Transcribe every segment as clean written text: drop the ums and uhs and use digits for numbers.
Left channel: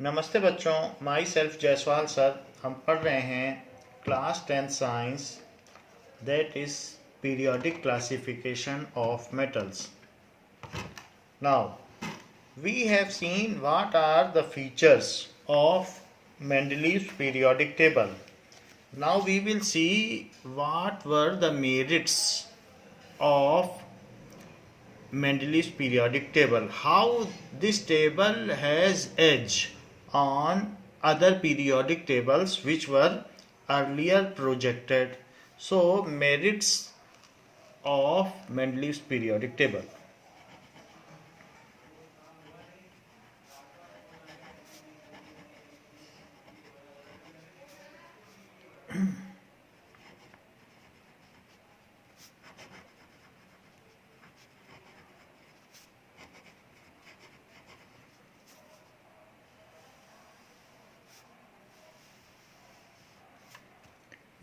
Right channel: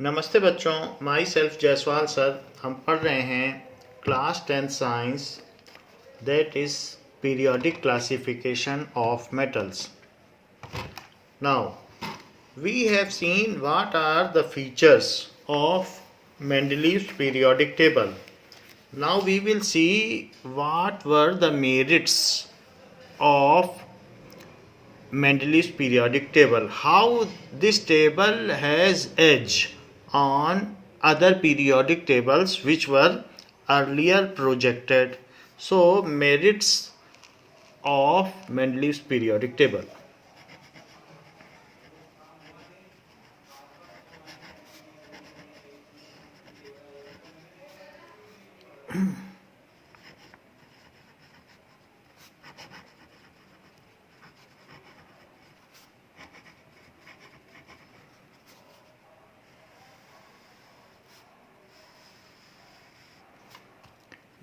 नमस्ते बच्चों, my self Jaiswal sir. हम पढ़ रहे हैं class 10 science, that is periodic classification of metals. Now we have seen what are the features of Mendeleev's periodic table. Now we will see what were the merits of Mendeleev's periodic table, how this table has edge on other periodic tables which were earlier projected. So, merits of Mendeleev's periodic table.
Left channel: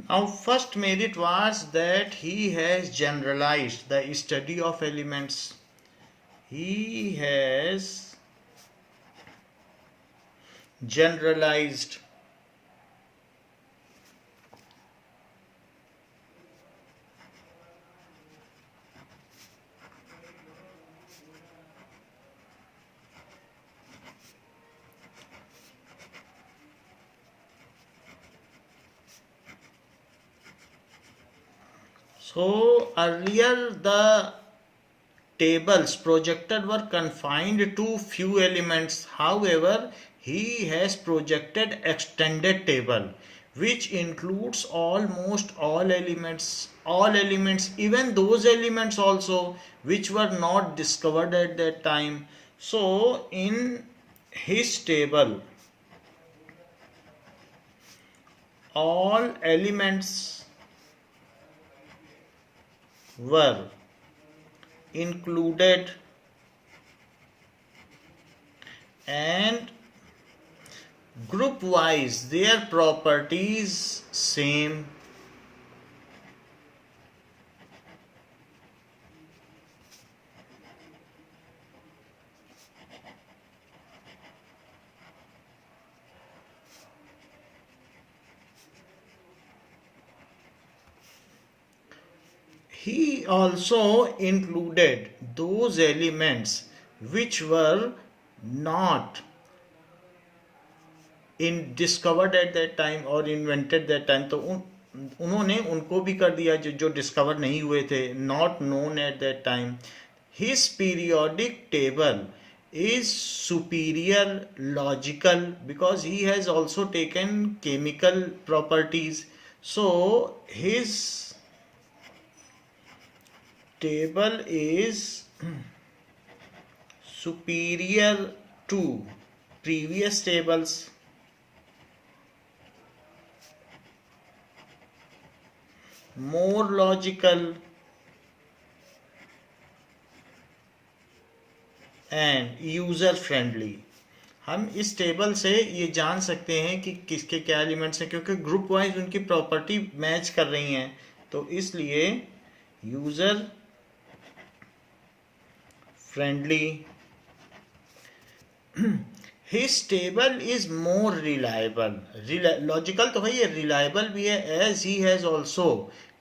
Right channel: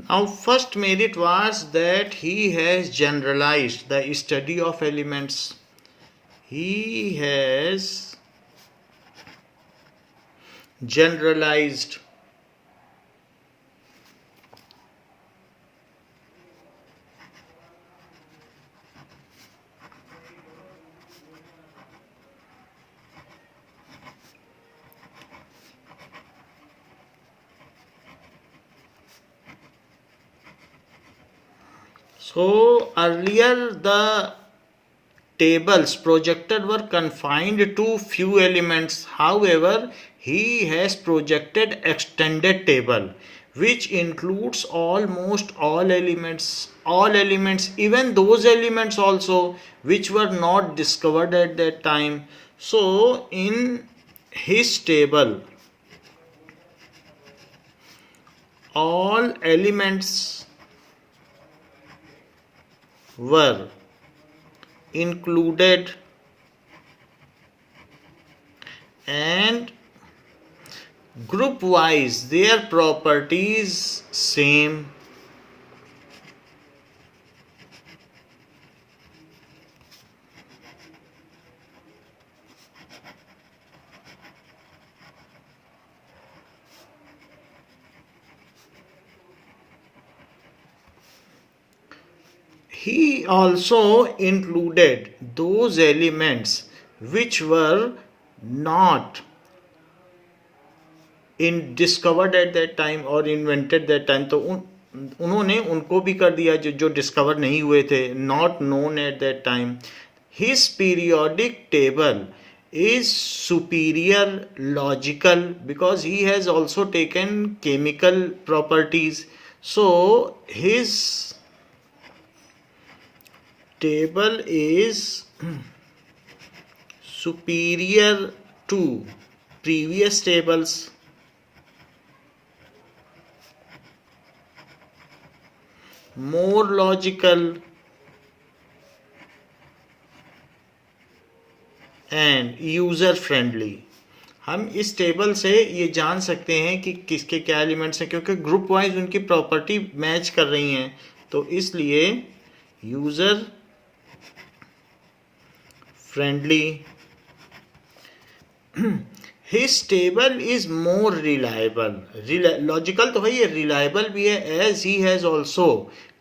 Now, first merit was that he has generalized the study of elements. He has generalized So earlier the tables projected were confined to few elements. However, he has projected extended table which includes almost all elements, even those elements also which were not discovered at that time. So in his table all elements were included and group wise their properties same. He also included those elements which were not in discovered at that time or invented that time. तो उन्होंने उनको भी कर दिया जो discover नहीं हुए थे, not known at that time. His periodic table is superior logical because he has also taken chemical properties. So his table is superior to previous tables. More logical and user friendly. हम इस table से ये जान सकते हैं कि किसके क्या एलिमेंट्स हैं क्योंकि ग्रुप वाइज उनकी प्रॉपर्टी मैच कर रही हैं, तो इसलिए user friendly. His table is more reliable. Logical तो है ये, reliable भी है, as he has also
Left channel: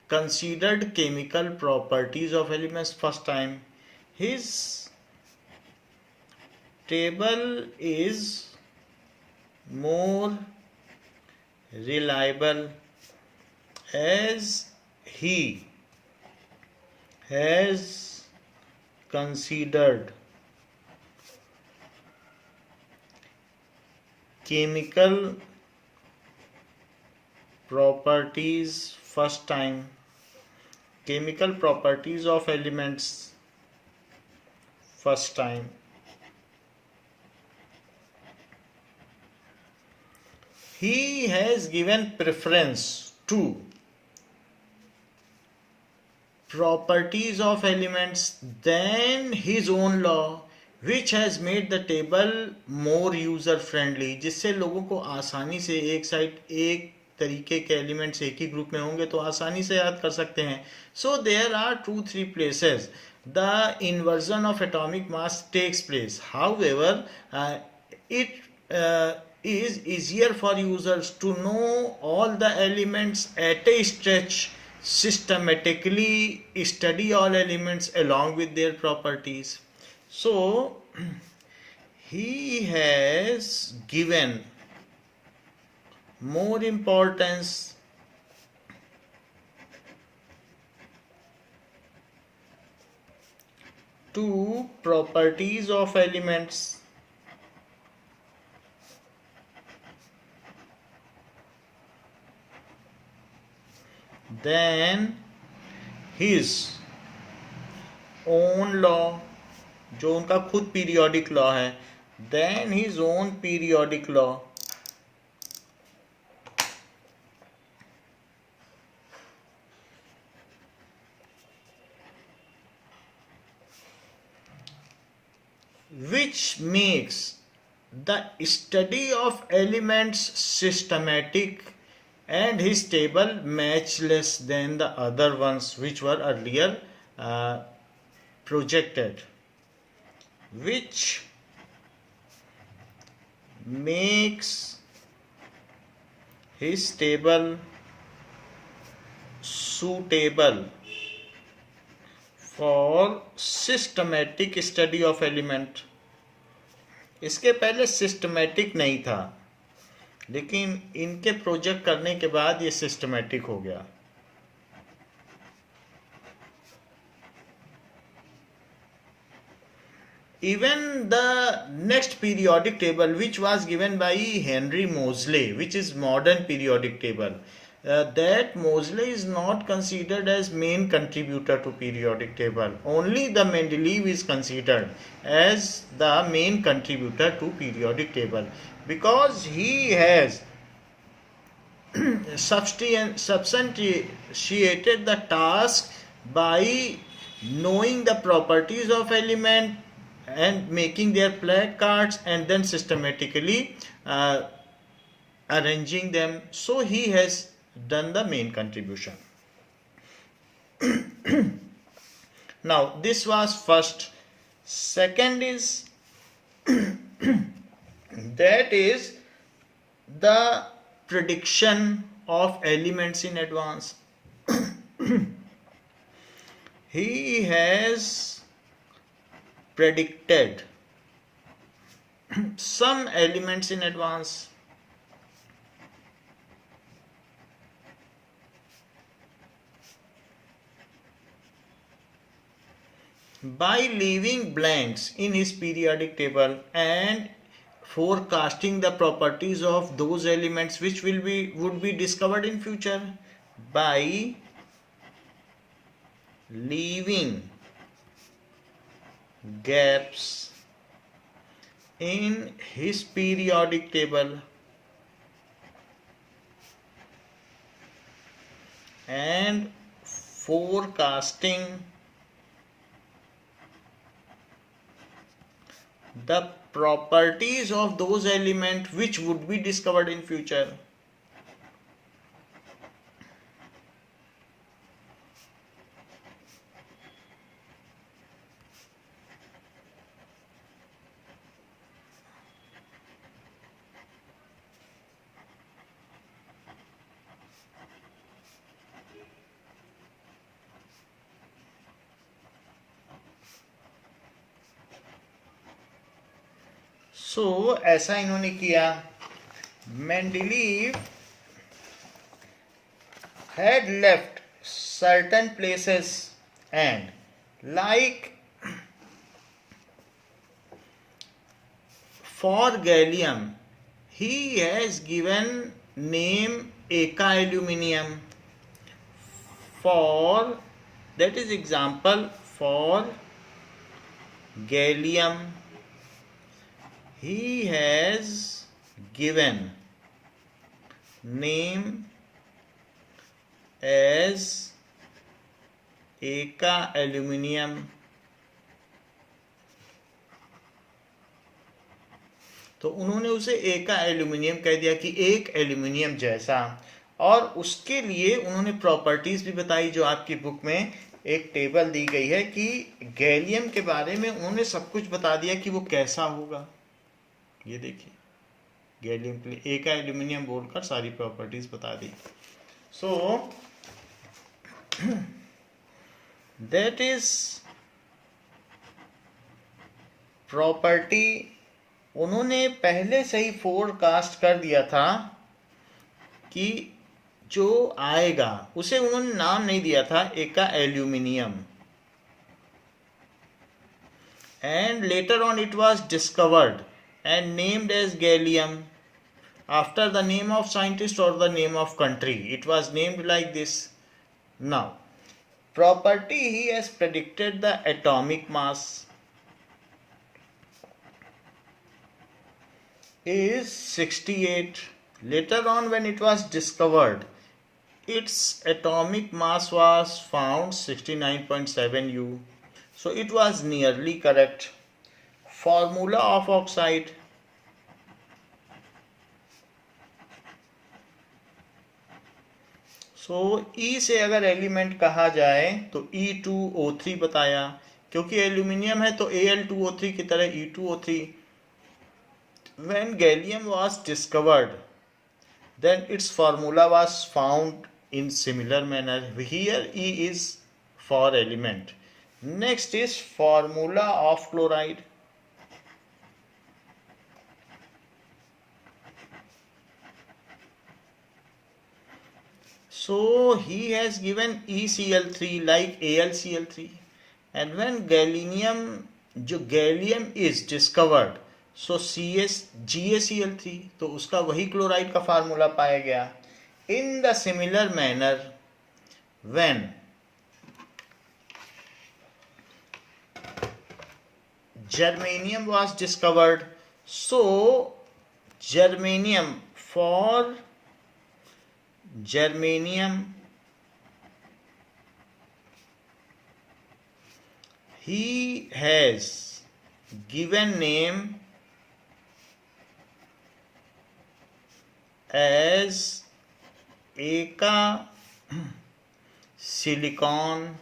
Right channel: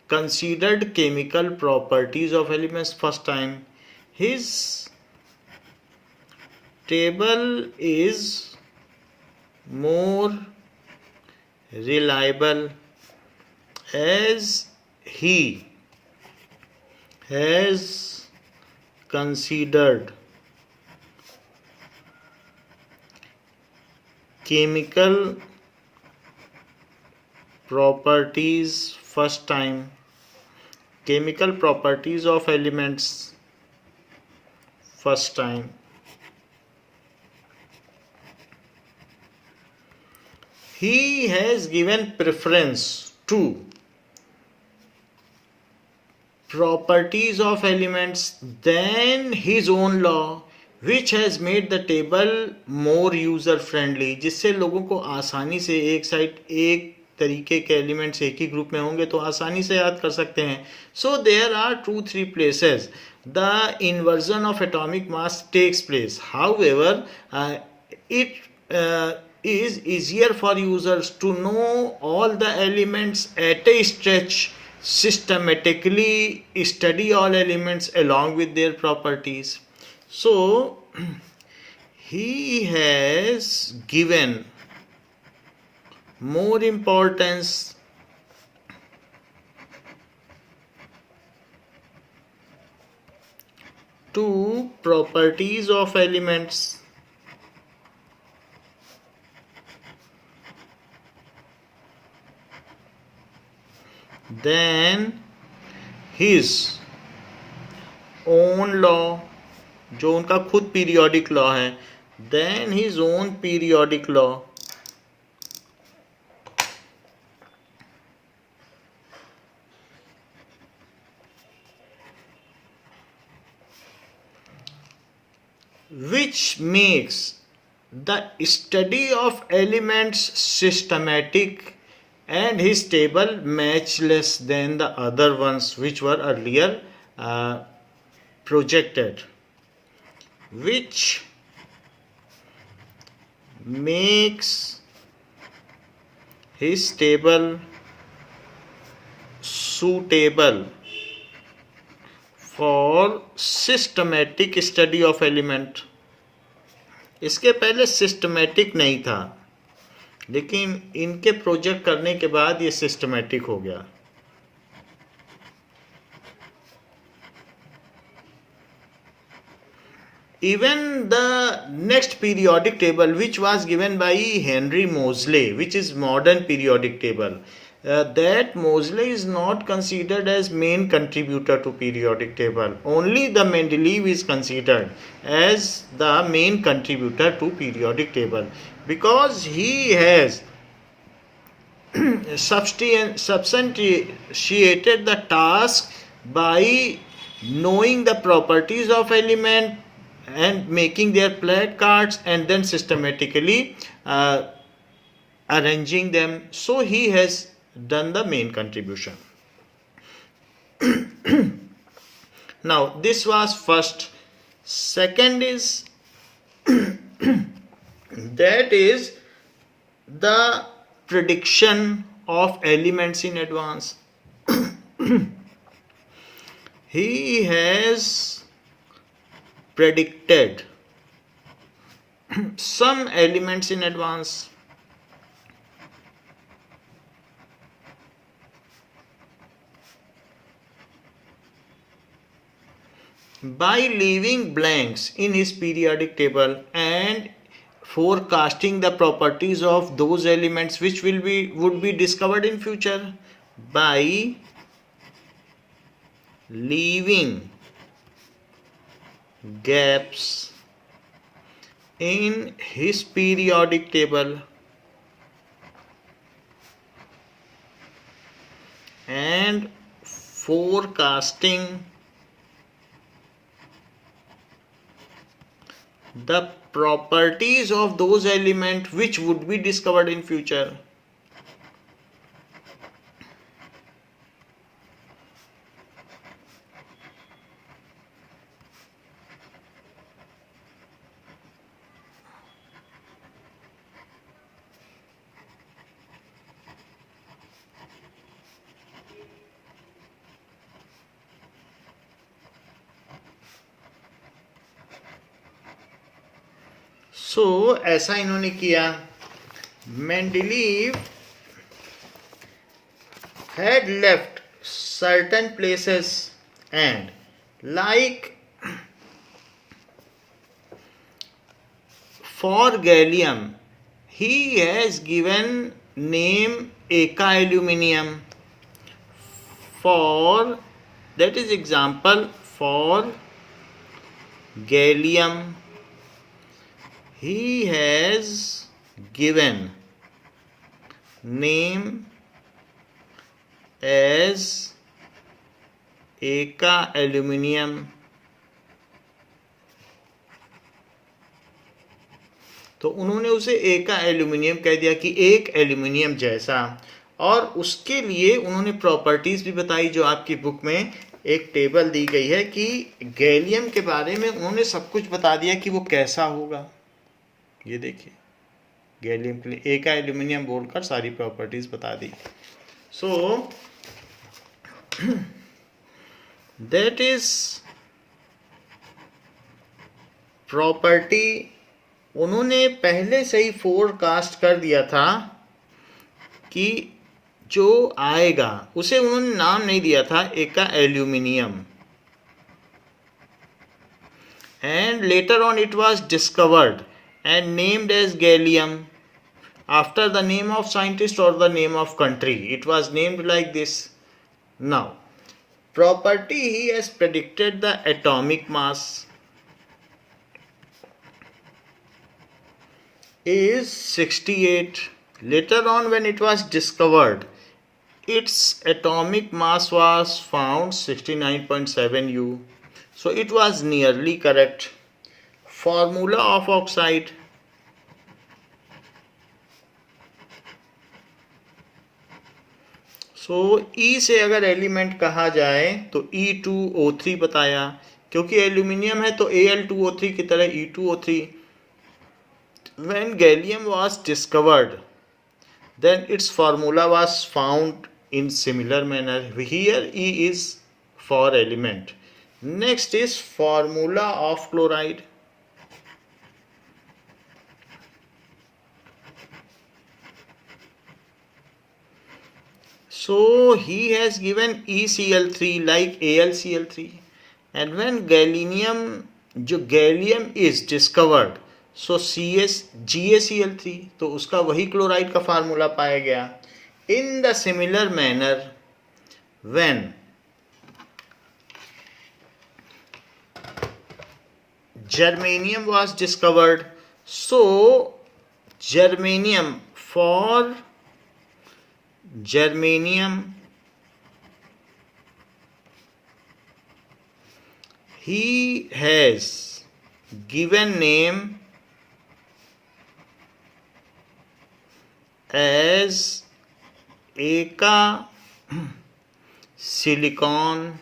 considered chemical properties of elements first time. His table is more reliable as he has considered chemical properties first time. Chemical properties of elements first time. He has given preference to properties of elements than his own law, which has made the table more user friendly, जिससे लोगों को आसानी से एक तरीके के elements एक ही group में होंगे तो आसानी से याद कर सकते हैं. So there are 2-3 places the inversion of atomic mass takes place. However, it is easier for users to know all the elements at a stretch, systematically study all elements along with their properties. So he has given more importance to properties of elements than his own law, जो उनका खुद periodic law है, than his own periodic law. Which makes the study of elements systematic and his table matchless than the other ones which were earlier projected, which makes his table suitable for systematic study of element. इसके पहले systematic नहीं था, लेकिन इनके project करने के बाद ये सिस्टमेटिक हो गया. Even the next periodic table, which was given by Henry Moseley, which is modern periodic table, that Moseley is not considered as main contributor to periodic table. Only the Mendeleev is considered as the main contributor to periodic table, because he has substantiated the task by knowing the properties of element and making their plat cards and then systematically arranging them. So he has done the main contribution. Now this was first. Second is that is the prediction of elements in advance. He has predicted some elements in advance. By leaving blanks in his periodic table and forecasting the properties of those elements which would be discovered in future, by leaving gaps in his periodic table and forecasting the properties of those elements which would be discovered in future. So ऐसा इन्होंने किया. Mendeleev had left certain places and, like for gallium, he has given name Eka aluminium. For that is example, for gallium he has given name as Eka aluminium. तो उन्होंने उसे एका aluminium कह दिया कि एक एल्यूमिनियम जैसा, और उसके लिए उन्होंने प्रॉपर्टीज भी बताई जो आपकी बुक में एक टेबल दी गई है कि गैलियम के बारे में उन्होंने सब कुछ बता दिया कि वो कैसा होगा. ये देखिए गैलियम के लिए ए का एल्यूमिनियम बोलकर सारी प्रॉपर्टीज बता दी. So that is property. उन्होंने पहले से ही फोरकास्ट कर दिया था कि जो आएगा, उसे उन्होंने नाम नहीं दिया था. एक का aluminium, and later on it was discovered and named as gallium after the name of scientist or the name of country. It was named like this. Now property, he has predicted the atomic mass is 68. Later on when it was discovered, its atomic mass was found 69.7 U. So it was nearly correct. Formula of oxide. So E से अगर element कहा जाए तो E2O3 बताया, क्योंकि aluminium है तो Al2O3 की तरह E2O3. When gallium was discovered, then its formula was found in similar manner. Here E is for element. Next is formula of chloride. So he has given ECl3 like AlCl3, and when gallium is discovered, so GaCl3, तो उसका वही chloride का formula पाया गया. In the similar manner, when germanium was discovered, so germanium he has given name as Eka silicon,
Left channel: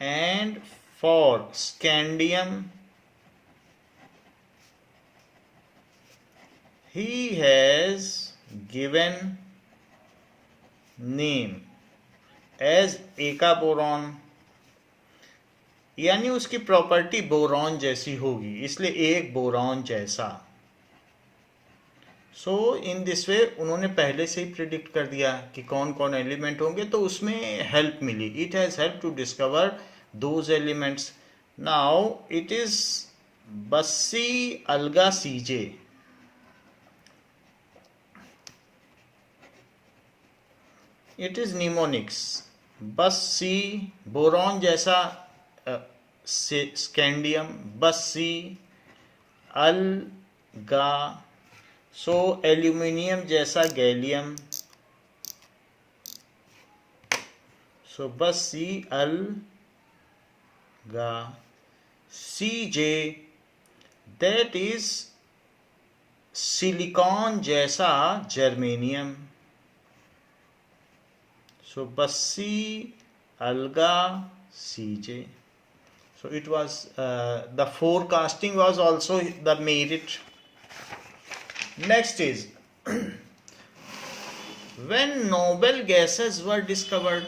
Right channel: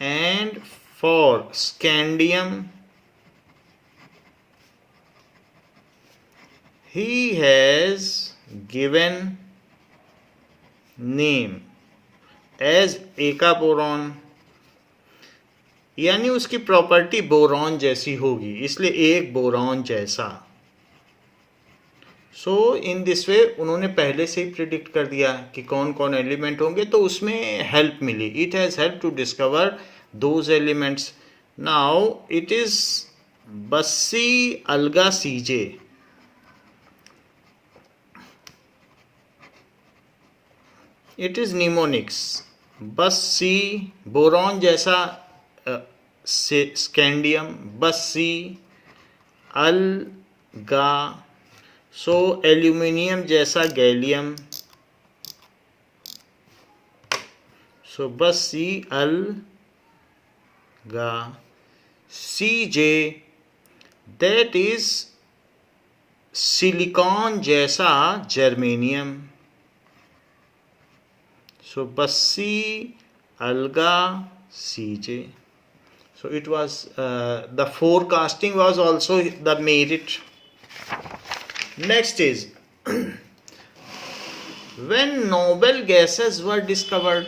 and for scandium he has given name as Eka boron. यानी उसकी property boron जैसी होगी, इसलिए एक boron जैसा. सो in this way उन्होंने पहले से ही प्रिडिक्ट कर दिया कि कौन कौन एलिमेंट होंगे, तो उसमें हेल्प मिली. It has help to discover those elements. Now it is बस्सी अल्गा सीजे. It is mnemonics. बस्सी बोरॉन जैसा स्कैंडियम, बस्सी अल्गा सो एल्यूमिनियम जैसा गैलियम, सो बस्सी अल्गा. सीजे दैट इज सिलिकॉन जैसा जर्मेनियम, सो बस्सी अल्गा सीजे. So it was the forecasting was also the merit. Next is when noble gases were discovered.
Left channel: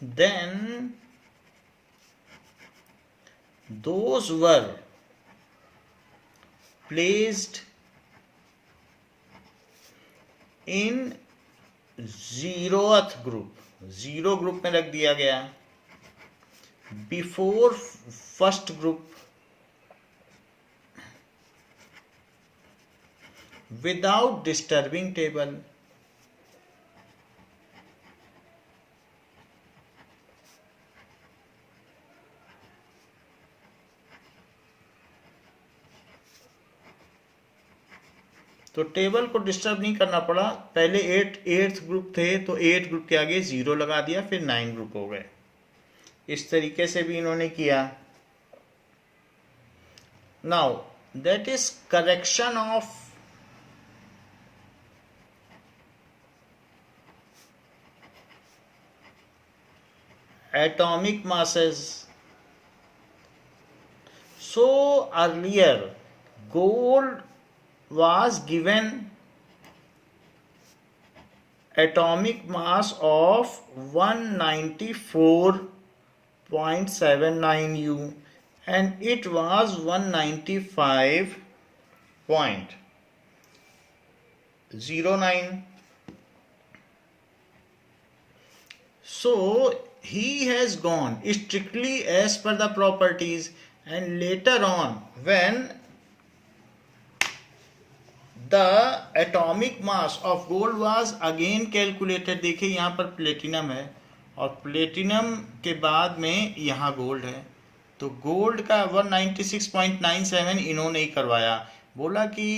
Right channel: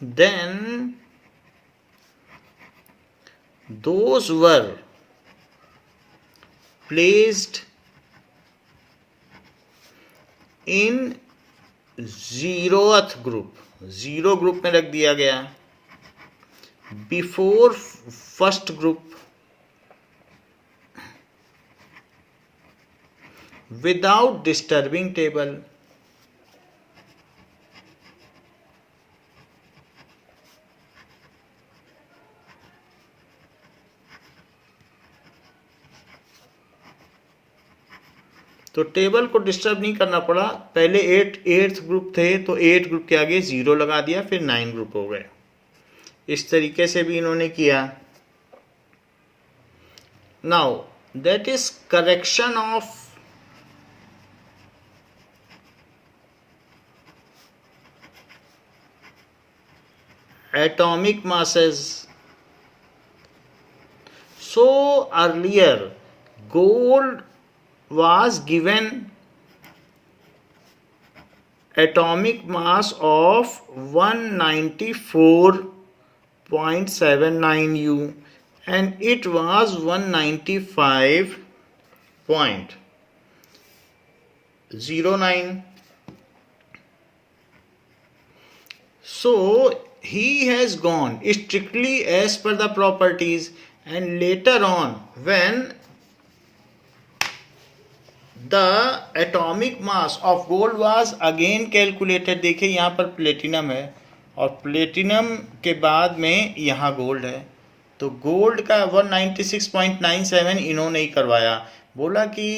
Then those were placed in zeroth group. Zero group में रख दिया गया before first group without disturbing table. तो table को disturb नहीं करना पड़ा. पहले एट्थ ग्रुप थे तो 8 ग्रुप के आगे 0 लगा दिया, फिर 9 ग्रुप हो गए. इस तरीके से भी इन्होंने किया. Now that is correction of atomic masses. So earlier gold was given atomic mass of 194.79 U and it was 195.09. So he has gone strictly as per the properties, and later on when the atomic mass of gold was again calculated, देखिए यहाँ पर platinum है और platinum के बाद में यहाँ gold है, तो गोल्ड का 196.97 इन्होंने ही करवाया, बोला कि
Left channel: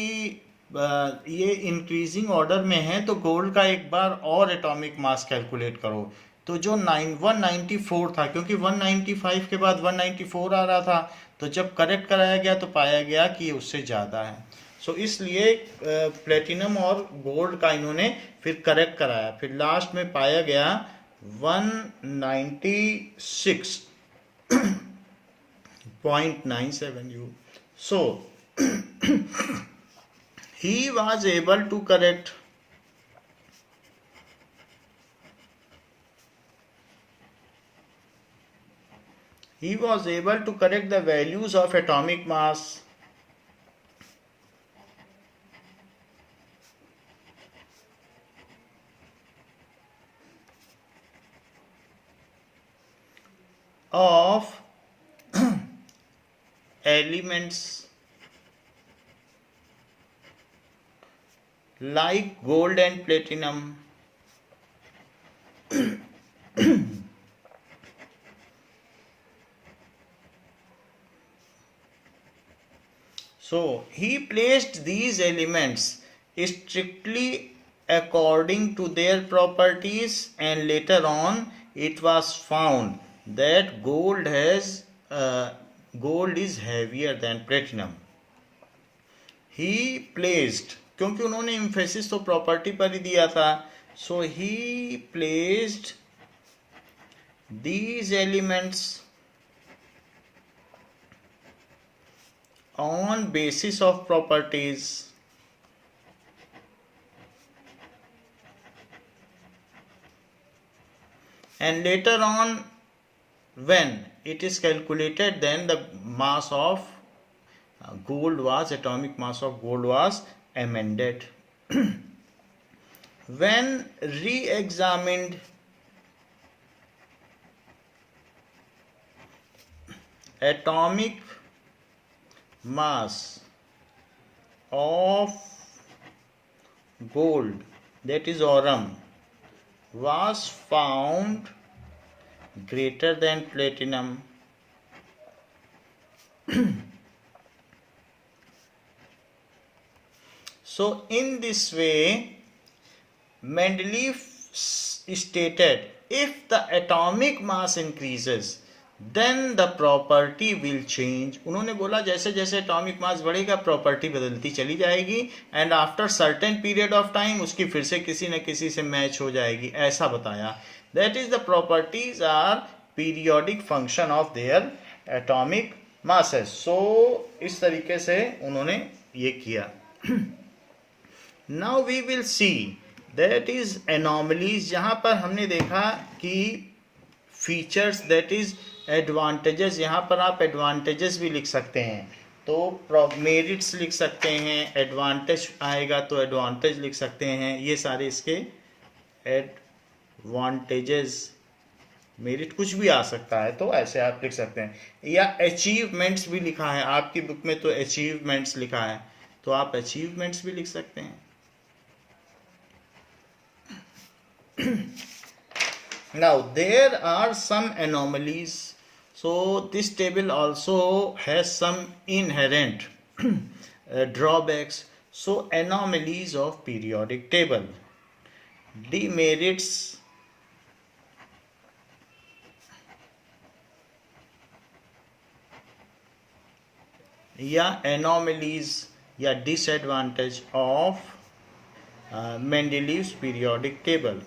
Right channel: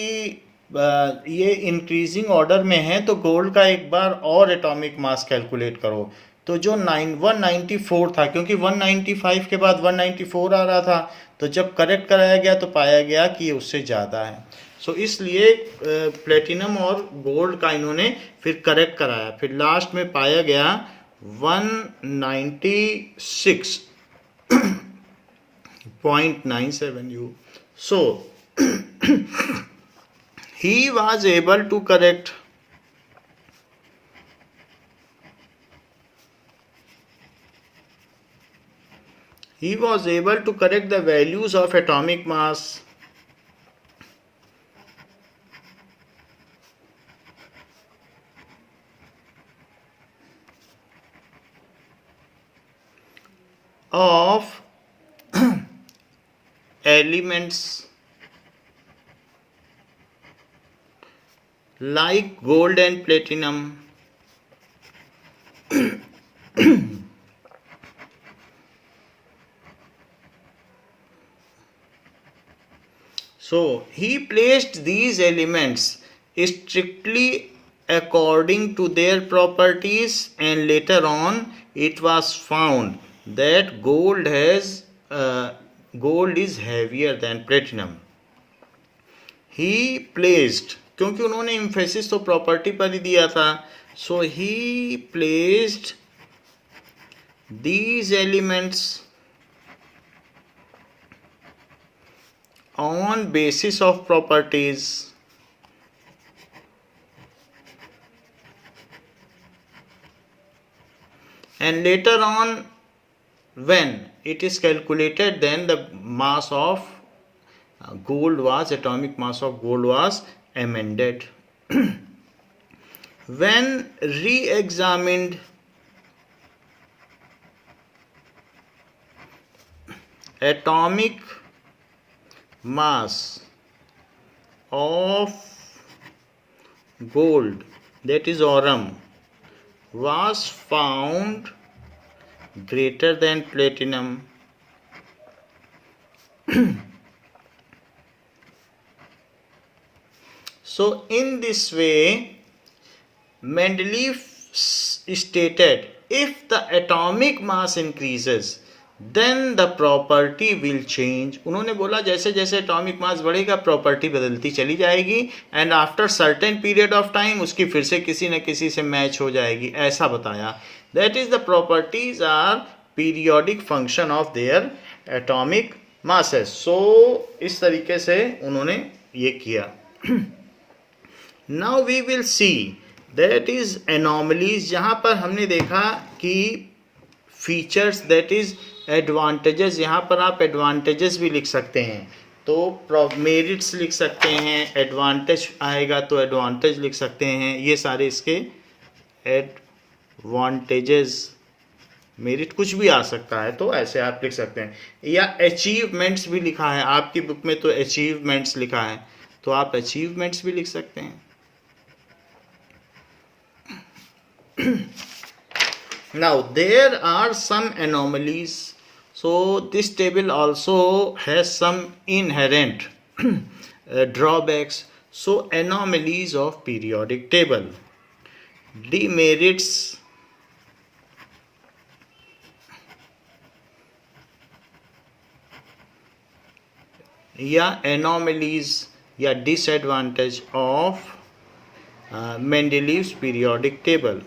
ये इंक्रीजिंग ऑर्डर में है तो गोल्ड का एक बार और एटॉमिक मास कैलकुलेट करो। तो जो 194 था, क्योंकि 195 के बाद 194 आ रहा था, तो जब करेक्ट कराया गया तो पाया गया कि ये उससे ज़्यादा है। सो इसलिए प्लेटिनम और गोल्ड का इन्होंने फिर करेक्ट कराया, फिर लास्ट में पाया गया 196.97 U. So he was able to correct the values of atomic mass of elements like gold and platinum. So he placed these elements strictly according to their properties, and later on it was found that gold is heavier than platinum. He placed, क्योंकि उन्होंने emphasis तो property पर ही दिया था, so he placed these elements on basis of properties, and later on when it is calculated, then the mass of gold was, atomic mass of gold was amended. When re-examined, atomic mass of gold, that is aurum, was found greater than platinum. So in this way Mendeleev stated, if the atomic mass increases then the property will change. उन्होंने बोला जैसे जैसे atomic mass बढ़ेगा property बदलती चली जाएगी, and after certain period of time उसकी फिर से किसी न किसी से मैच हो जाएगी, ऐसा बताया। That is the properties are periodic function of their atomic masses. So इस तरीके से उन्होंने ये किया। Now we will see that is anomalies, जहाँ पर हमने देखा कि फीचर्स, दैट इज एडवांटेजेस, यहाँ पर आप एडवांटेजेस भी लिख सकते हैं, तो मेरिट्स लिख सकते हैं, एडवांटेज आएगा तो एडवांटेज लिख सकते हैं, ये सारे इसके एडवांटेजेस, मेरिट कुछ भी आ सकता है तो ऐसे आप लिख सकते हैं। या अचीवमेंट्स भी लिखा है आपकी बुक में, तो अचीवमेंट्स लिखा है तो आप अचीवमेंट्स भी लिख सकते हैं। Now there are some anomalies, so this table also has some inherent drawbacks. So anomalies of periodic table, demerits, या एनोमलीज या disadvantage of Mendeleev's periodic table.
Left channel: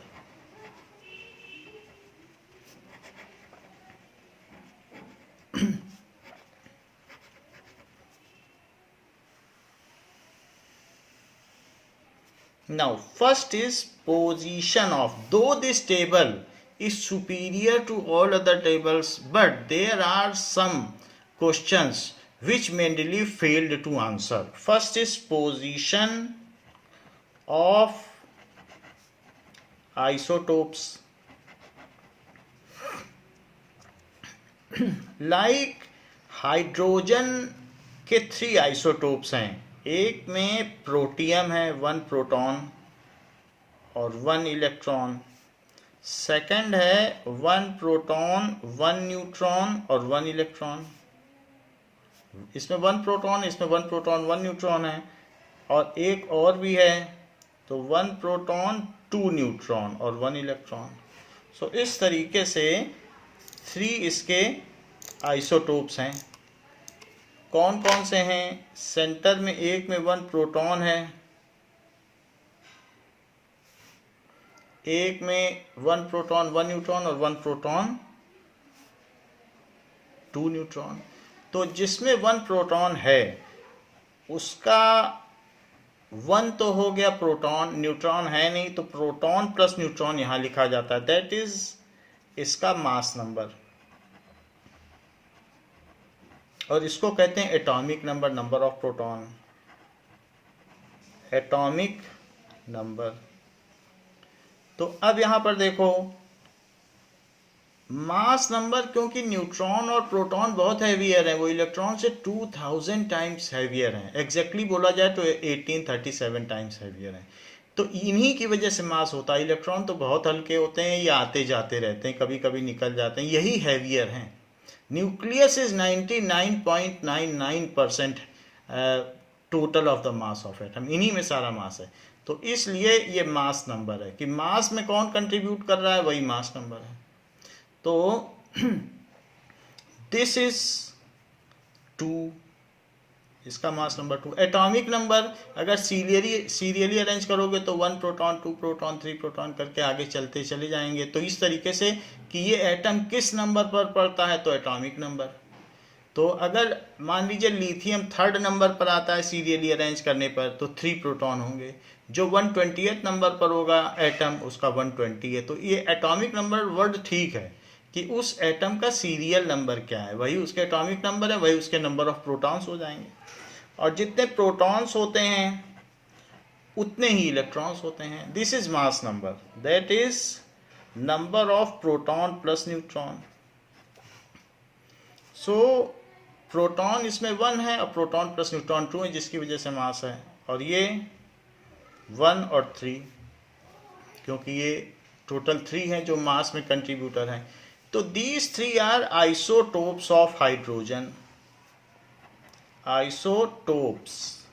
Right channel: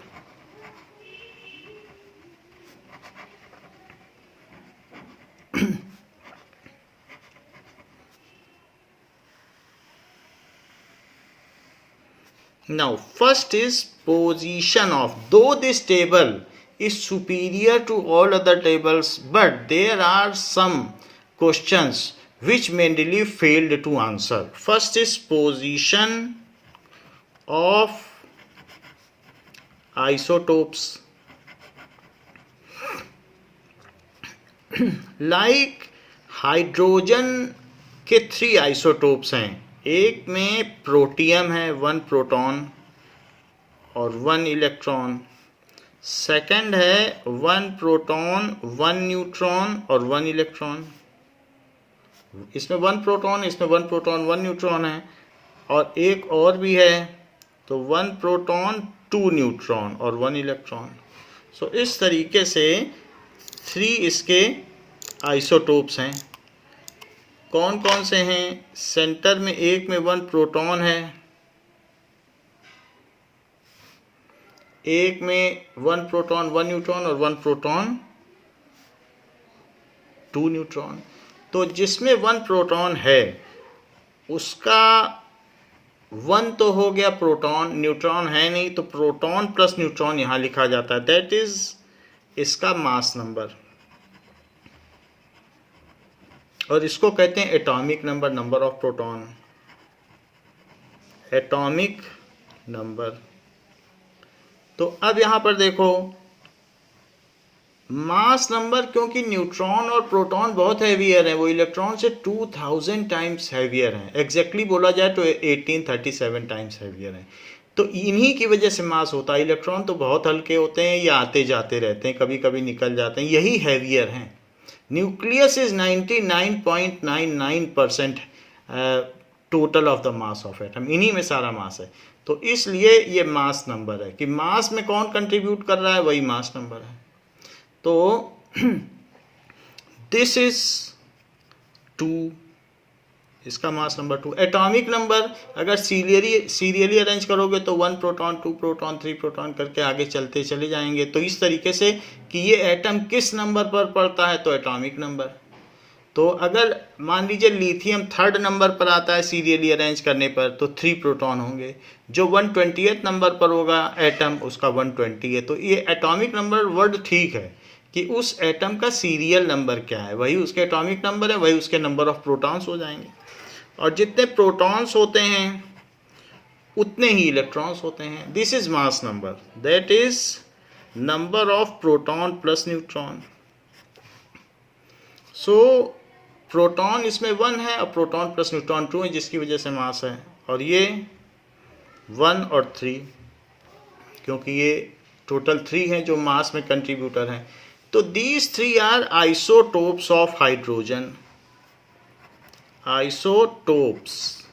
Now, first is position of. Though this table is superior to all other tables, but there are some questions which Mendeleev failed to answer. First is position of isotopes. Like hydrogen के 3 isotopes हैं। एक में protium है, 1 proton और 1 electron. Second है 1 proton 1 neutron और 1 electron. इसमें 1 proton, इसमें 1 प्रोटॉन 1 न्यूट्रॉन है। और एक और भी है, तो 1 प्रोटॉन 2 न्यूट्रॉन और 1 इलेक्ट्रॉन। सो इस तरीके से 3 इसके आइसोटोप्स हैं। कौन कौन से हैं? सेंटर में एक में 1 प्रोटॉन है, एक में 1 प्रोटॉन 1 न्यूट्रॉन और 1 प्रोटॉन 2 न्यूट्रॉन। तो जिसमें 1 प्रोटॉन है उसका 1 तो हो गया प्रोटॉन, न्यूट्रॉन है नहीं, तो प्रोटॉन प्लस न्यूट्रॉन यहां लिखा जाता है। दैट इज इसका मास नंबर, और इसको कहते हैं atomic number, number of proton, atomic number. तो अब यहां पर देखो मास नंबर, क्योंकि न्यूट्रॉन और प्रोटॉन बहुत हैवियर हैं, वो इलेक्ट्रॉन से 2000 टाइम्स हैवियर हैं। एग्जैक्टली बोला जाए तो 1837 टाइम्स हैवियर हैं। तो इन्हीं की वजह से मास होता है। इलेक्ट्रॉन तो बहुत हल्के होते हैं, या आते जाते रहते हैं, कभी कभी निकल जाते हैं, यही हैवियर हैं। Nucleus is 99.99% total of the mass of atom, इन्हीं में सारा मास है। तो इसलिए ये मास नंबर है कि मास में कौन कंट्रीब्यूट कर रहा है, वही मास नंबर है। तो दिस इज 2, इसका मास नंबर 2। एटॉमिक नंबर अगर सीरियली अरेंज करोगे तो 1 प्रोटॉन 2 प्रोटॉन 3 प्रोटॉन करके आगे चलते चले जाएंगे। तो इस तरीके से कि ये एटम किस नंबर पर पड़ता है, तो एटॉमिक नंबर। तो अगर मान लीजिए लिथियम 3rd नंबर पर आता है सीरियली अरेंज करने पर, तो 3 प्रोटॉन होंगे। जो 120th नंबर पर होगा एटम, उसका 120 है। तो ये एटॉमिक नंबर वर्ड ठीक है कि उस एटम का सीरियल नंबर क्या है, वही उसके एटॉमिक नंबर है, वही उसके नंबर ऑफ प्रोटॉन्स हो जाएंगे। और जितने प्रोटॉन्स होते हैं उतने ही इलेक्ट्रॉन्स होते हैं। This is mass number, that is number of proton plus neutron. So proton इसमें 1 है और प्रोटॉन प्लस न्यूट्रॉन 2 है, जिसकी वजह से मास है। और ये 1 और 3, क्योंकि ये टोटल 3 हैं जो मास में कंट्रीब्यूटर हैं। तो these 3 are isotopes of hydrogen. Isotopes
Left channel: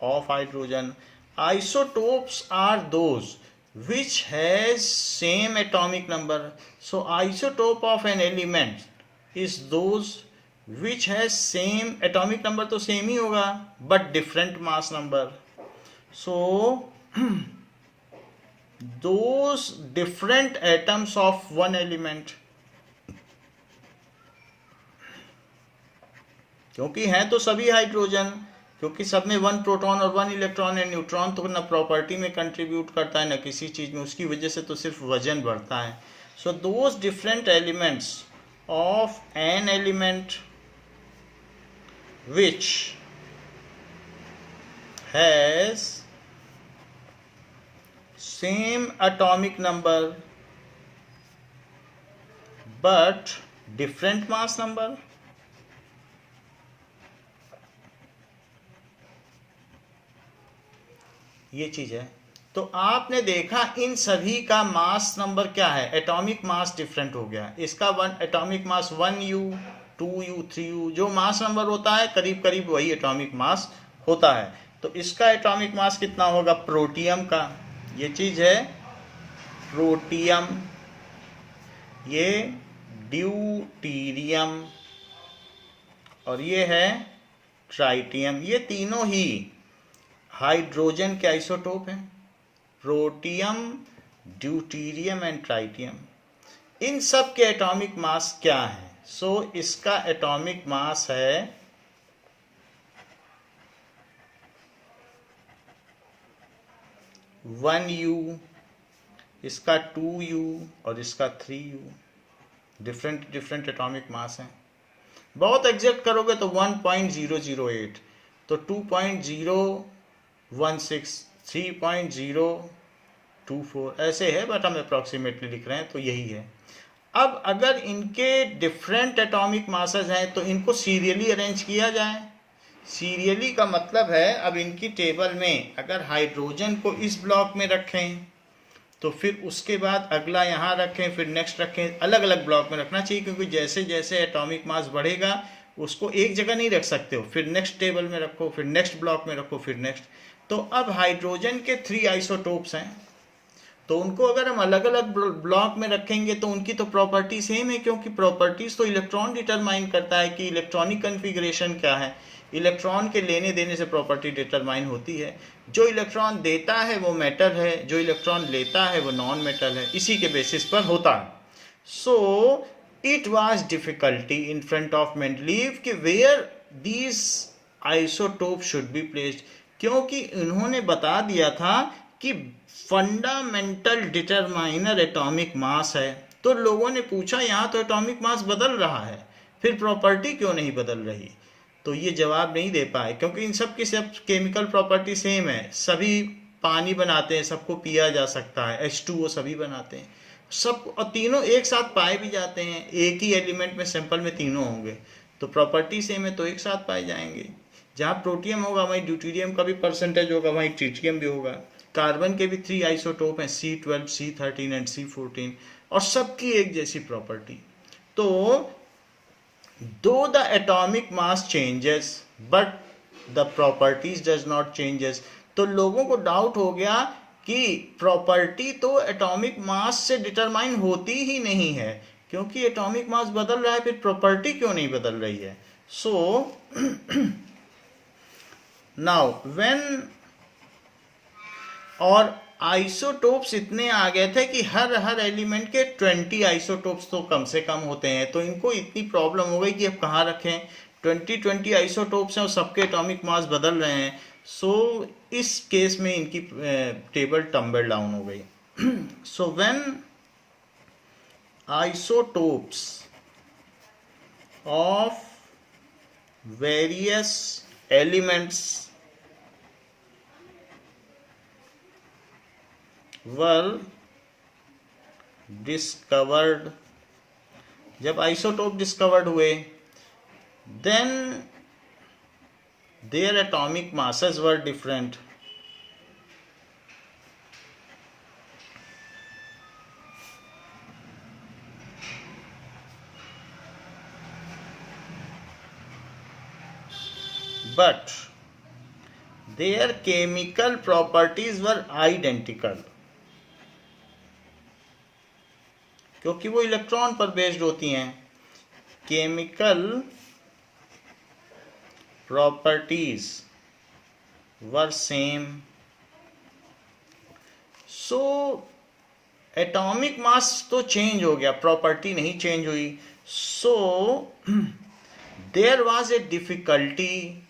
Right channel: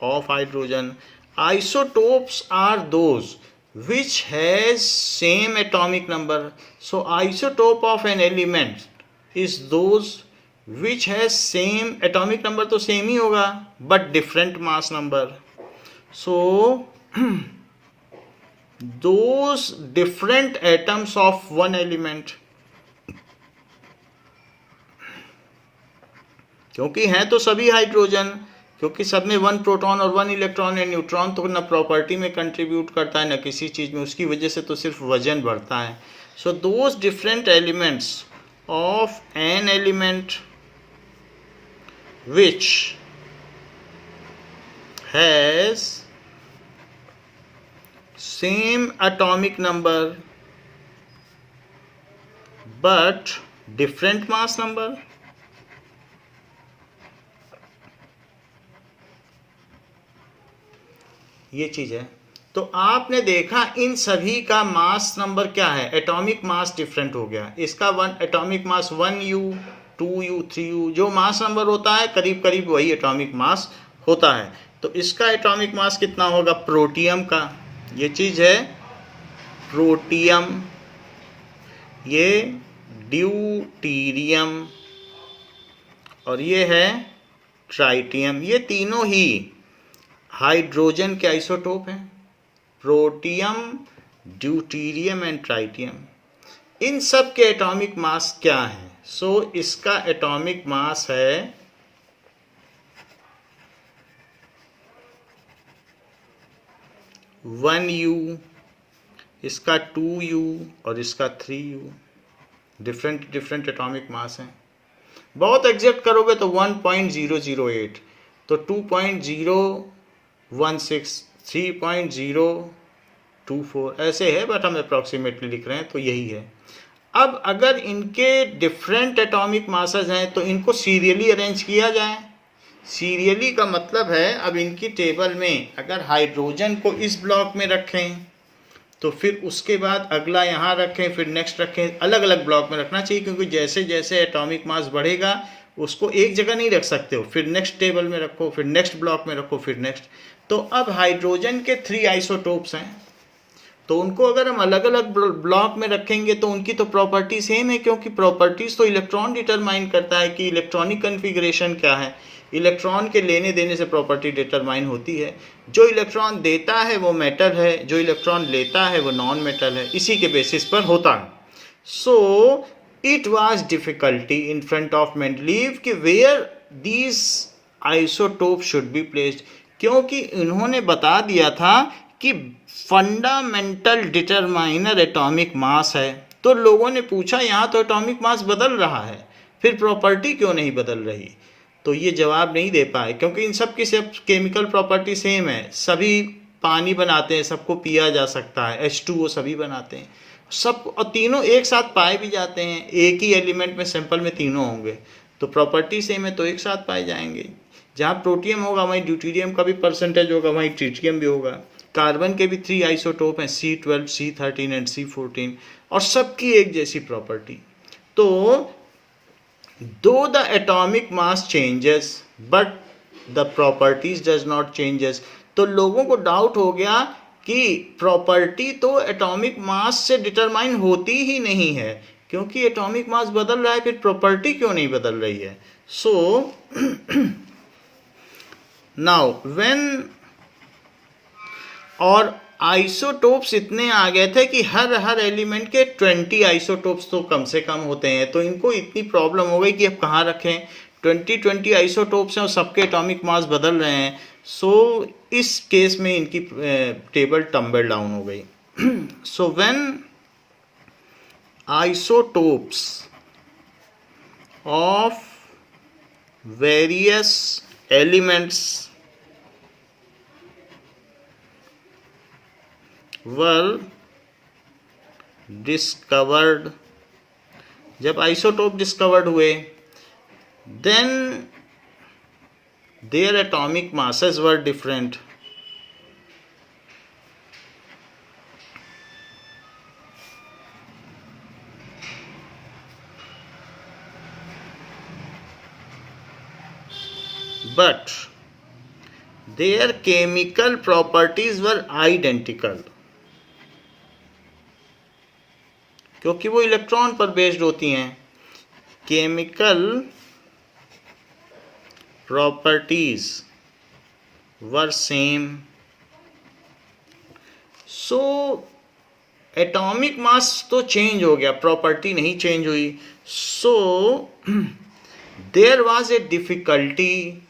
of hydrogen. Isotopes are those which has same atomic number. So isotope of an element is those which has same atomic number, तो सेम ही होगा but different mass number. So those different atoms of one element, क्योंकि हैं तो सभी hydrogen, क्योंकि सब में 1 proton और 1 इलेक्ट्रॉन है। न्यूट्रॉन तो न प्रॉपर्टी में कंट्रीब्यूट करता है न किसी चीज़ में, उसकी वजह से तो सिर्फ वजन बढ़ता है। So those different elements of an element which has same atomic number but different mass number, ये चीज है। तो आपने देखा इन सभी का मास नंबर क्या है, एटॉमिक मास डिफरेंट हो गया। इसका atomic mass 1U 2U 3U, जो मास नंबर होता है करीब करीब वही एटॉमिक मास होता है। तो इसका एटॉमिक मास कितना होगा, प्रोटियम का, ये चीज है प्रोटियम, ये ड्यूटीरियम, और ये है ट्राइटियम, ये तीनों ही हाइड्रोजन के आइसोटोप हैं, प्रोटियम, ड्यूटीरियम एंड ट्राइटियम। इन सब के एटॉमिक मास क्या है? सो इसका एटॉमिक मास है 1U, इसका 2U और इसका 3U। Different different atomic mass हैं। बहुत एग्जैक्ट करोगे तो 1.008, तो 2.016, 3.024 ऐसे है, बट हम अप्रॉक्सीमेटली लिख रहे हैं, तो यही है। अब अगर इनके डिफरेंट एटॉमिक मासेस हैं तो इनको सीरियली अरेंज किया जाए। सीरियली का मतलब है, अब इनकी टेबल में अगर हाइड्रोजन को इस ब्लॉक में रखें तो फिर उसके बाद अगला यहाँ रखें, फिर नेक्स्ट रखें, अलग अलग ब्लॉक में रखना चाहिए, क्योंकि जैसे जैसे एटॉमिक मास बढ़ेगा उसको एक जगह नहीं रख सकते हो, फिर नेक्स्ट टेबल में रखो, फिर नेक्स्ट ब्लॉक में रखो, फिर नेक्स्ट। तो अब हाइड्रोजन के 3 आइसोटोप्स हैं, तो उनको अगर हम अलग अलग ब्लॉक में रखेंगे तो उनकी तो प्रॉपर्टी सेम है, क्योंकि प्रॉपर्टीज तो इलेक्ट्रॉन डिटरमाइन करता है कि इलेक्ट्रॉनिक कन्फिग्रेशन क्या है। इलेक्ट्रॉन के लेने देने से प्रॉपर्टी डिटरमाइन होती है। जो इलेक्ट्रॉन देता है वो मेटल है, जो इलेक्ट्रॉन लेता है वो नॉन मेटल है, इसी के बेसिस पर होता है। So it was difficulty in front of Mendeleev कि where these isotope should be placed, क्योंकि इन्होंने बता दिया था कि फंडामेंटल डिटरमाइनर एटॉमिक मास है। तो लोगों ने पूछा यहाँ तो एटॉमिक मास बदल रहा है, फिर प्रॉपर्टी क्यों नहीं बदल रही? तो ये जवाब नहीं दे पाए, क्योंकि इन सब की सब केमिकल प्रॉपर्टी सेम है। सभी पानी बनाते हैं, सबको पिया जा सकता है, H2O सभी बनाते हैं सब, और तीनों एक साथ पाए भी जाते हैं। एक ही एलिमेंट में सैंपल में तीनों होंगे तो प्रॉपर्टी सेम है, तो एक साथ पाए जाएंगे। जहाँ प्रोटियम होगा वहीं ड्यूटीरियम का भी परसेंटेज होगा, वहीं ट्रिटियम भी होगा। कार्बन के भी 3 आइसोटोप हैं, C12, C13 एंड C14, और सबकी एक जैसी प्रॉपर्टी। तो though the atomic mass changes but the properties does not changes, तो लोगों को डाउट हो गया कि प्रॉपर्टी तो एटॉमिक मास से डिटरमाइन होती ही नहीं है, क्योंकि एटॉमिक मास बदल रहा है, फिर प्रॉपर्टी क्यों नहीं बदल रही है? सो नाउ व्हेन, और आइसोटोप्स इतने आ गए थे कि हर एलिमेंट के 20 आइसोटोप्स तो कम से कम होते हैं, तो इनको इतनी प्रॉब्लम हो गई कि अब कहाँ रखें। 20 आइसोटोप्स हैं और सबके एटॉमिक मास बदल रहे हैं। सो इस केस में इनकी टेबल टम्बल डाउन हो गई। So when isotopes of various elements were discovered, जब आइसोटोप डिस्कवर्ड हुए, then their atomic masses were different. But their chemical properties were identical, क्योंकि वो इलेक्ट्रॉन पर बेस्ड होती हैं। Chemical properties were same, so atomic mass तो change हो गया, प्रॉपर्टी नहीं चेंज हुई। So there was a difficulty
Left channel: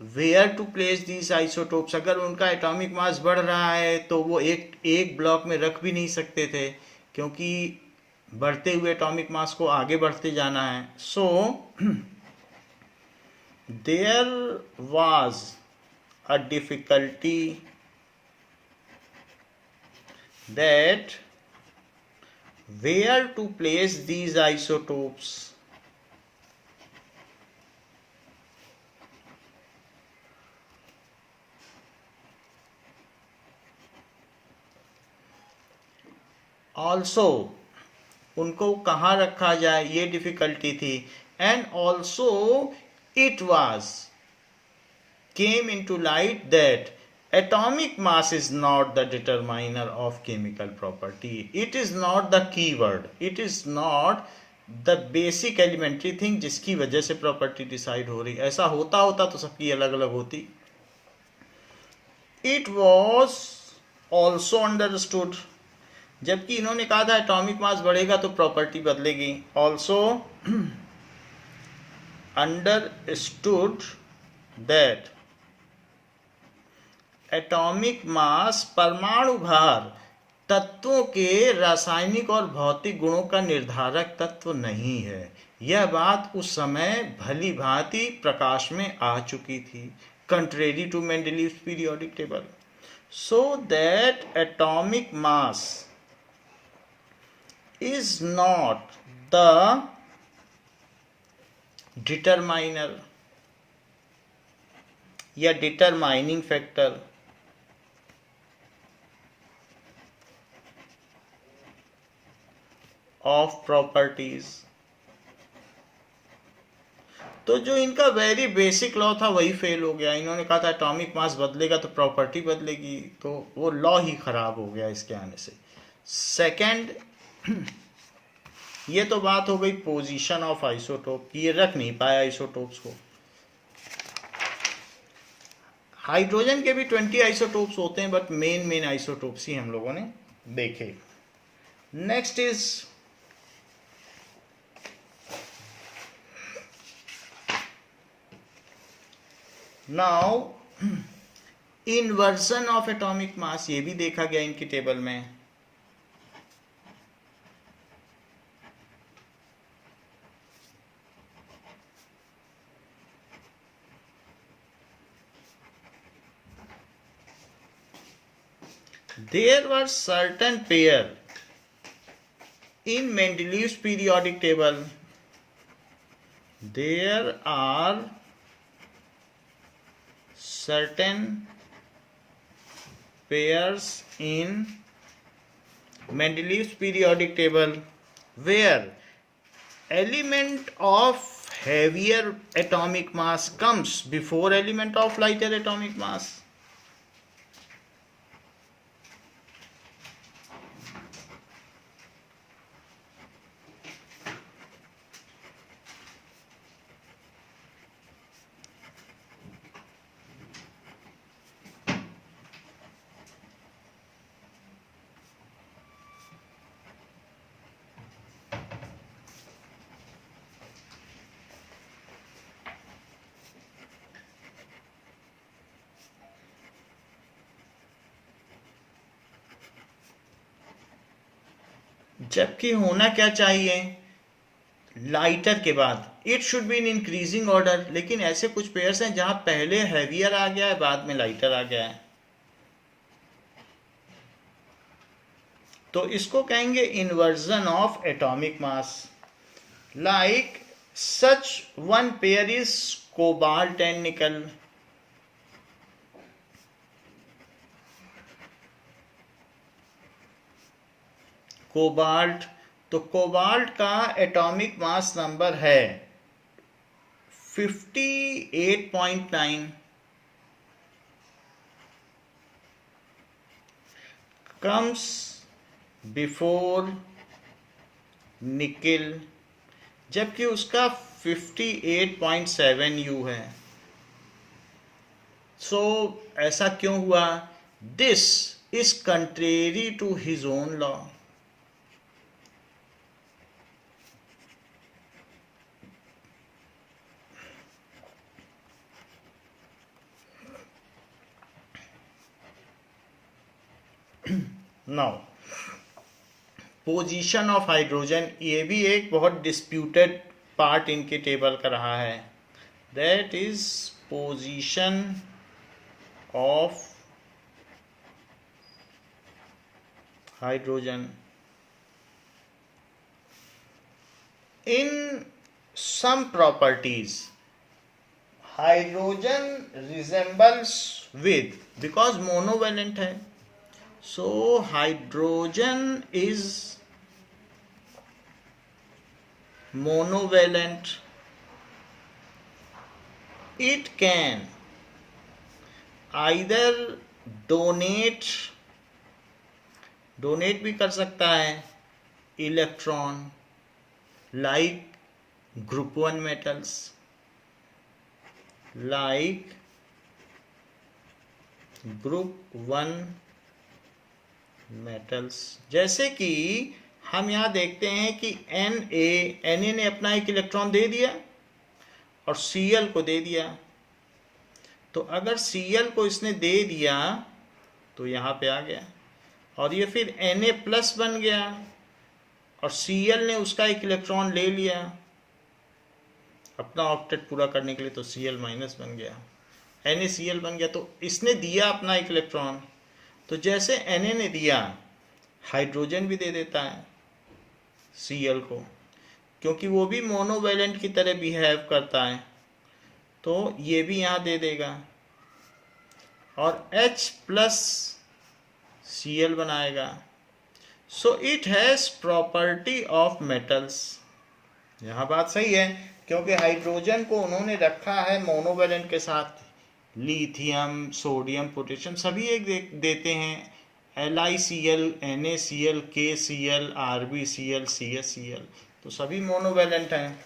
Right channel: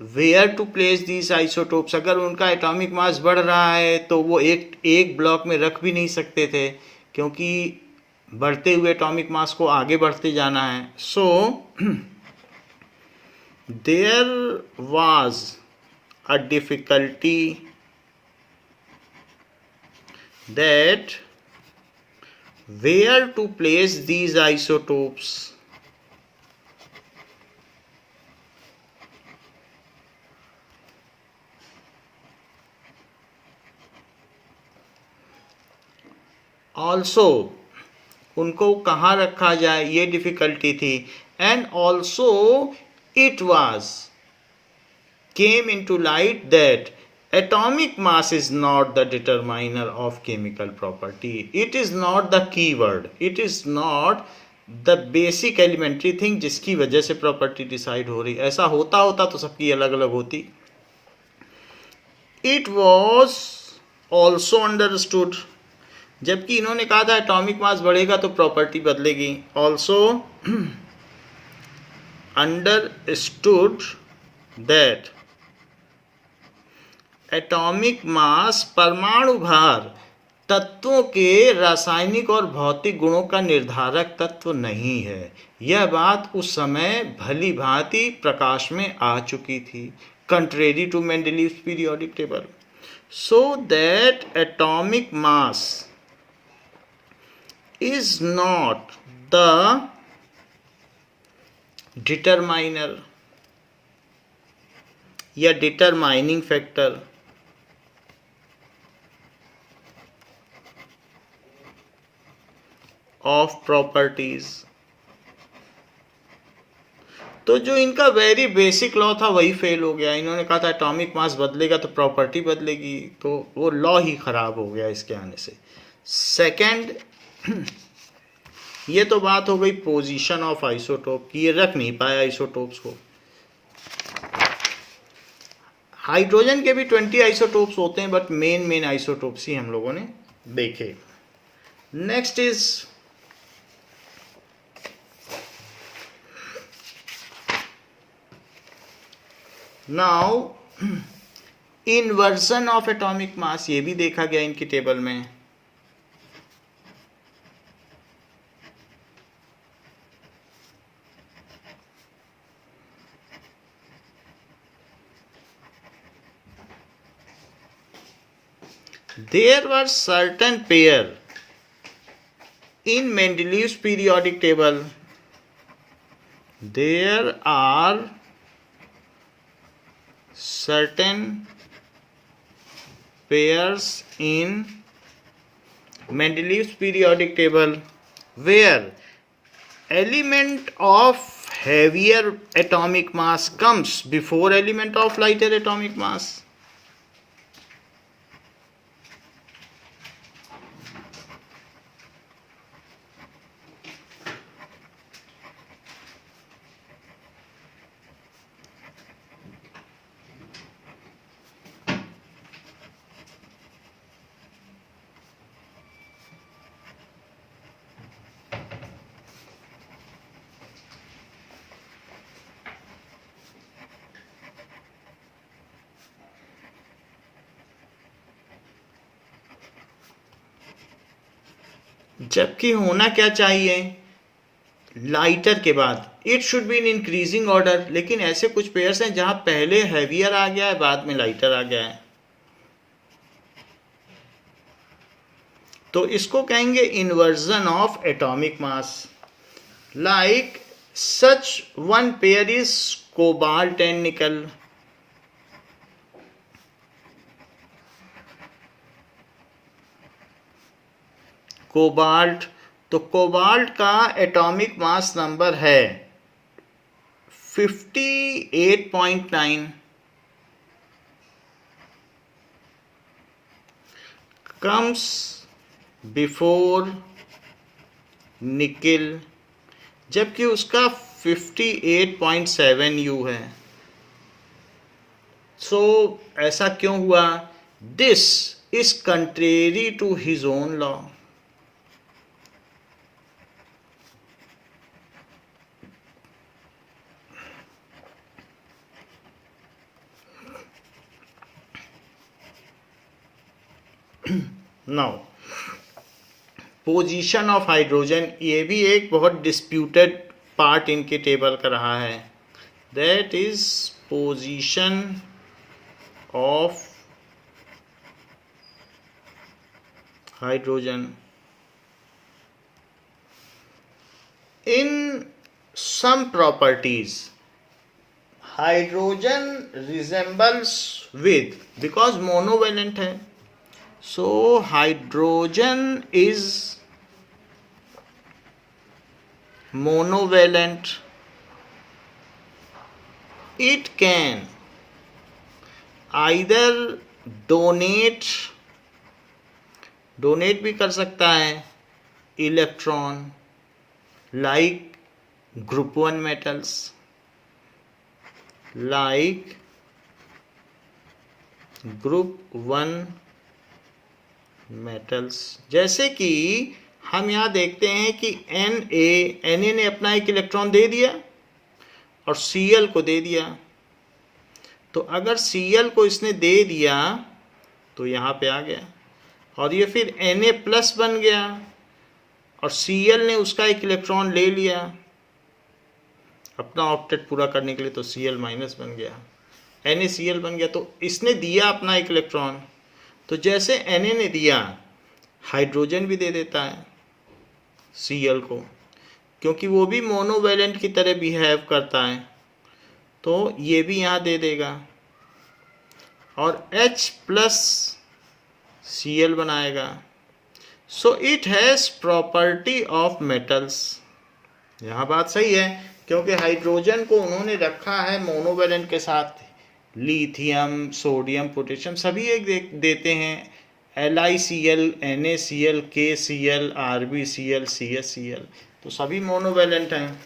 where to place these isotopes. अगर उनका एटॉमिक मास बढ़ रहा है तो वो एक ब्लॉक में रख भी नहीं सकते थे, क्योंकि बढ़ते हुए एटॉमिक मास को आगे बढ़ते जाना है। So there was a difficulty that where to place these isotopes. Also उनको कहाँ रखा जाए, ये डिफिकल्टी थी। And also it was came in to light that atomic mass is not the determiner of chemical property. It is not the key word. It is not the basic elementary thing जिसकी वजह से property decide हो रही। ऐसा होता तो सबकी अलग अलग होती। इट वॉज ऑल्सो अंडरस्टूड, जबकि इन्होंने कहा था एटॉमिक मास बढ़ेगा तो प्रॉपर्टी बदलेगी। ऑल्सो अंडरस्टूड दैट एटॉमिक मास परमाणु भार तत्वों के रासायनिक और भौतिक गुणों का निर्धारक तत्व नहीं है। यह बात उस समय भली भांति प्रकाश में आ चुकी थी, contrary to Mendeleev's periodic table, so that atomic mass is not the determiner या डिटरमाइनिंग फैक्टर ऑफ प्रॉपर्टीज। तो जो इनका वेरी बेसिक लॉ था वही फेल हो गया। इन्होंने कहा था एटॉमिक मास बदलेगा तो प्रॉपर्टी बदलेगी, तो वो लॉ ही खराब हो गया इसके आने से। सेकंड, ये तो बात हो गई पोजीशन ऑफ आइसोटोप की, ये रख नहीं पाया आइसोटोप्स को। हाइड्रोजन के भी 20 आइसोटोप्स होते हैं, बट मेन आइसोटोप्स ही हम लोगों ने देखे। Next is now inversion of atomic मास, ये भी देखा गया इनकी टेबल में। There were certain pair in Mendeleev's periodic table. There are certain pairs in Mendeleev's periodic table where element of heavier atomic mass comes before element of lighter atomic mass. जबकि होना क्या चाहिए, लाइटर के बाद it should be in increasing order, लेकिन ऐसे कुछ pairs हैं जहां पहले हैवियर आ गया है बाद में लाइटर आ गया है, तो इसको कहेंगे inversion of atomic mass. Like such one pair is cobalt and निकल। कोबाल्ट, तो कोबाल्ट का एटॉमिक मास नंबर है 58.9, कम्स बिफोर निकिल, जबकि उसका 58.7 यू है। सो ऐसा क्यों हुआ? This is contrary to his own law. Now position of hydrogen, ये भी एक बहुत डिस्प्यूटेड पार्ट इनके टेबल का रहा है। That is position of hydrogen in some properties. Hydrogen resembles with, because monovalent है, so hydrogen is monovalent. It can either donate भी कर सकता है electron, like group 1 metals, like group 1 metals। जैसे कि हम यहाँ देखते हैं कि Na ने अपना एक इलेक्ट्रॉन दे दिया और Cl को दे दिया। तो अगर Cl को इसने दे दिया तो यहाँ पे आ गया, और ये फिर Na प्लस बन गया, और Cl ने उसका एक इलेक्ट्रॉन ले लिया अपना ऑक्टेट पूरा करने के लिए, तो Cl माइनस बन गया, NaCl बन गया। तो इसने दिया अपना एक इलेक्ट्रॉन, तो जैसे Na ने दिया, हाइड्रोजन भी दे देता है Cl को, क्योंकि वो भी मोनोवैलेंट की तरह बिहेव करता है, तो ये भी यहाँ दे देगा और H प्लस Cl बनाएगा। So it has property of metals. यहाँ बात सही है, क्योंकि हाइड्रोजन को उन्होंने रखा है मोनोवैलेंट के साथ, लिथियम, सोडियम, पोटेशियम सभी एक देते हैं, LiCl, NaCl, KCl, RbCl, CaCl, तो सभी मोनोवैलेंट हैं।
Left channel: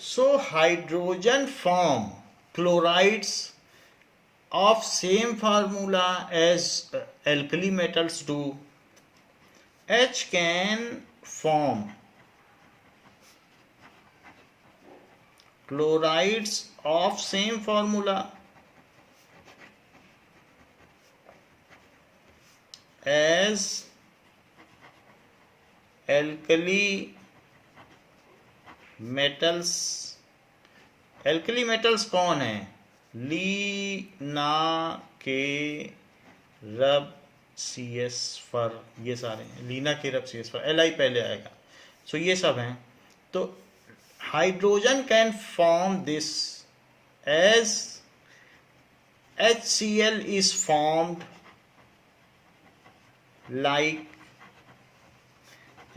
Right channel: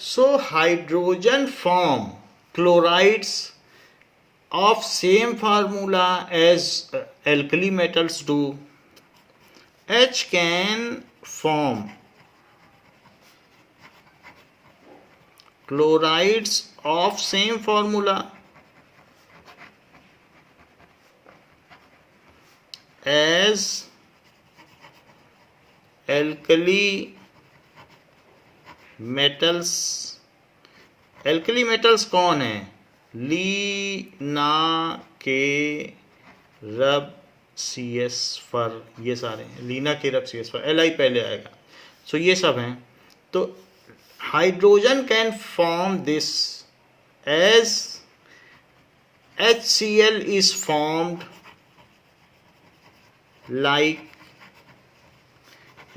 So hydrogen form chlorides of same formula as alkali metals do. H can form chlorides of same formula as alkali metals। alkali metals कौन है? लीना के रब CS फर, ये सारे हैं, लीना के रब CS फर, Li पहले आएगा। सो ये सब हैं। तो hydrogen can form this as HCl is formed like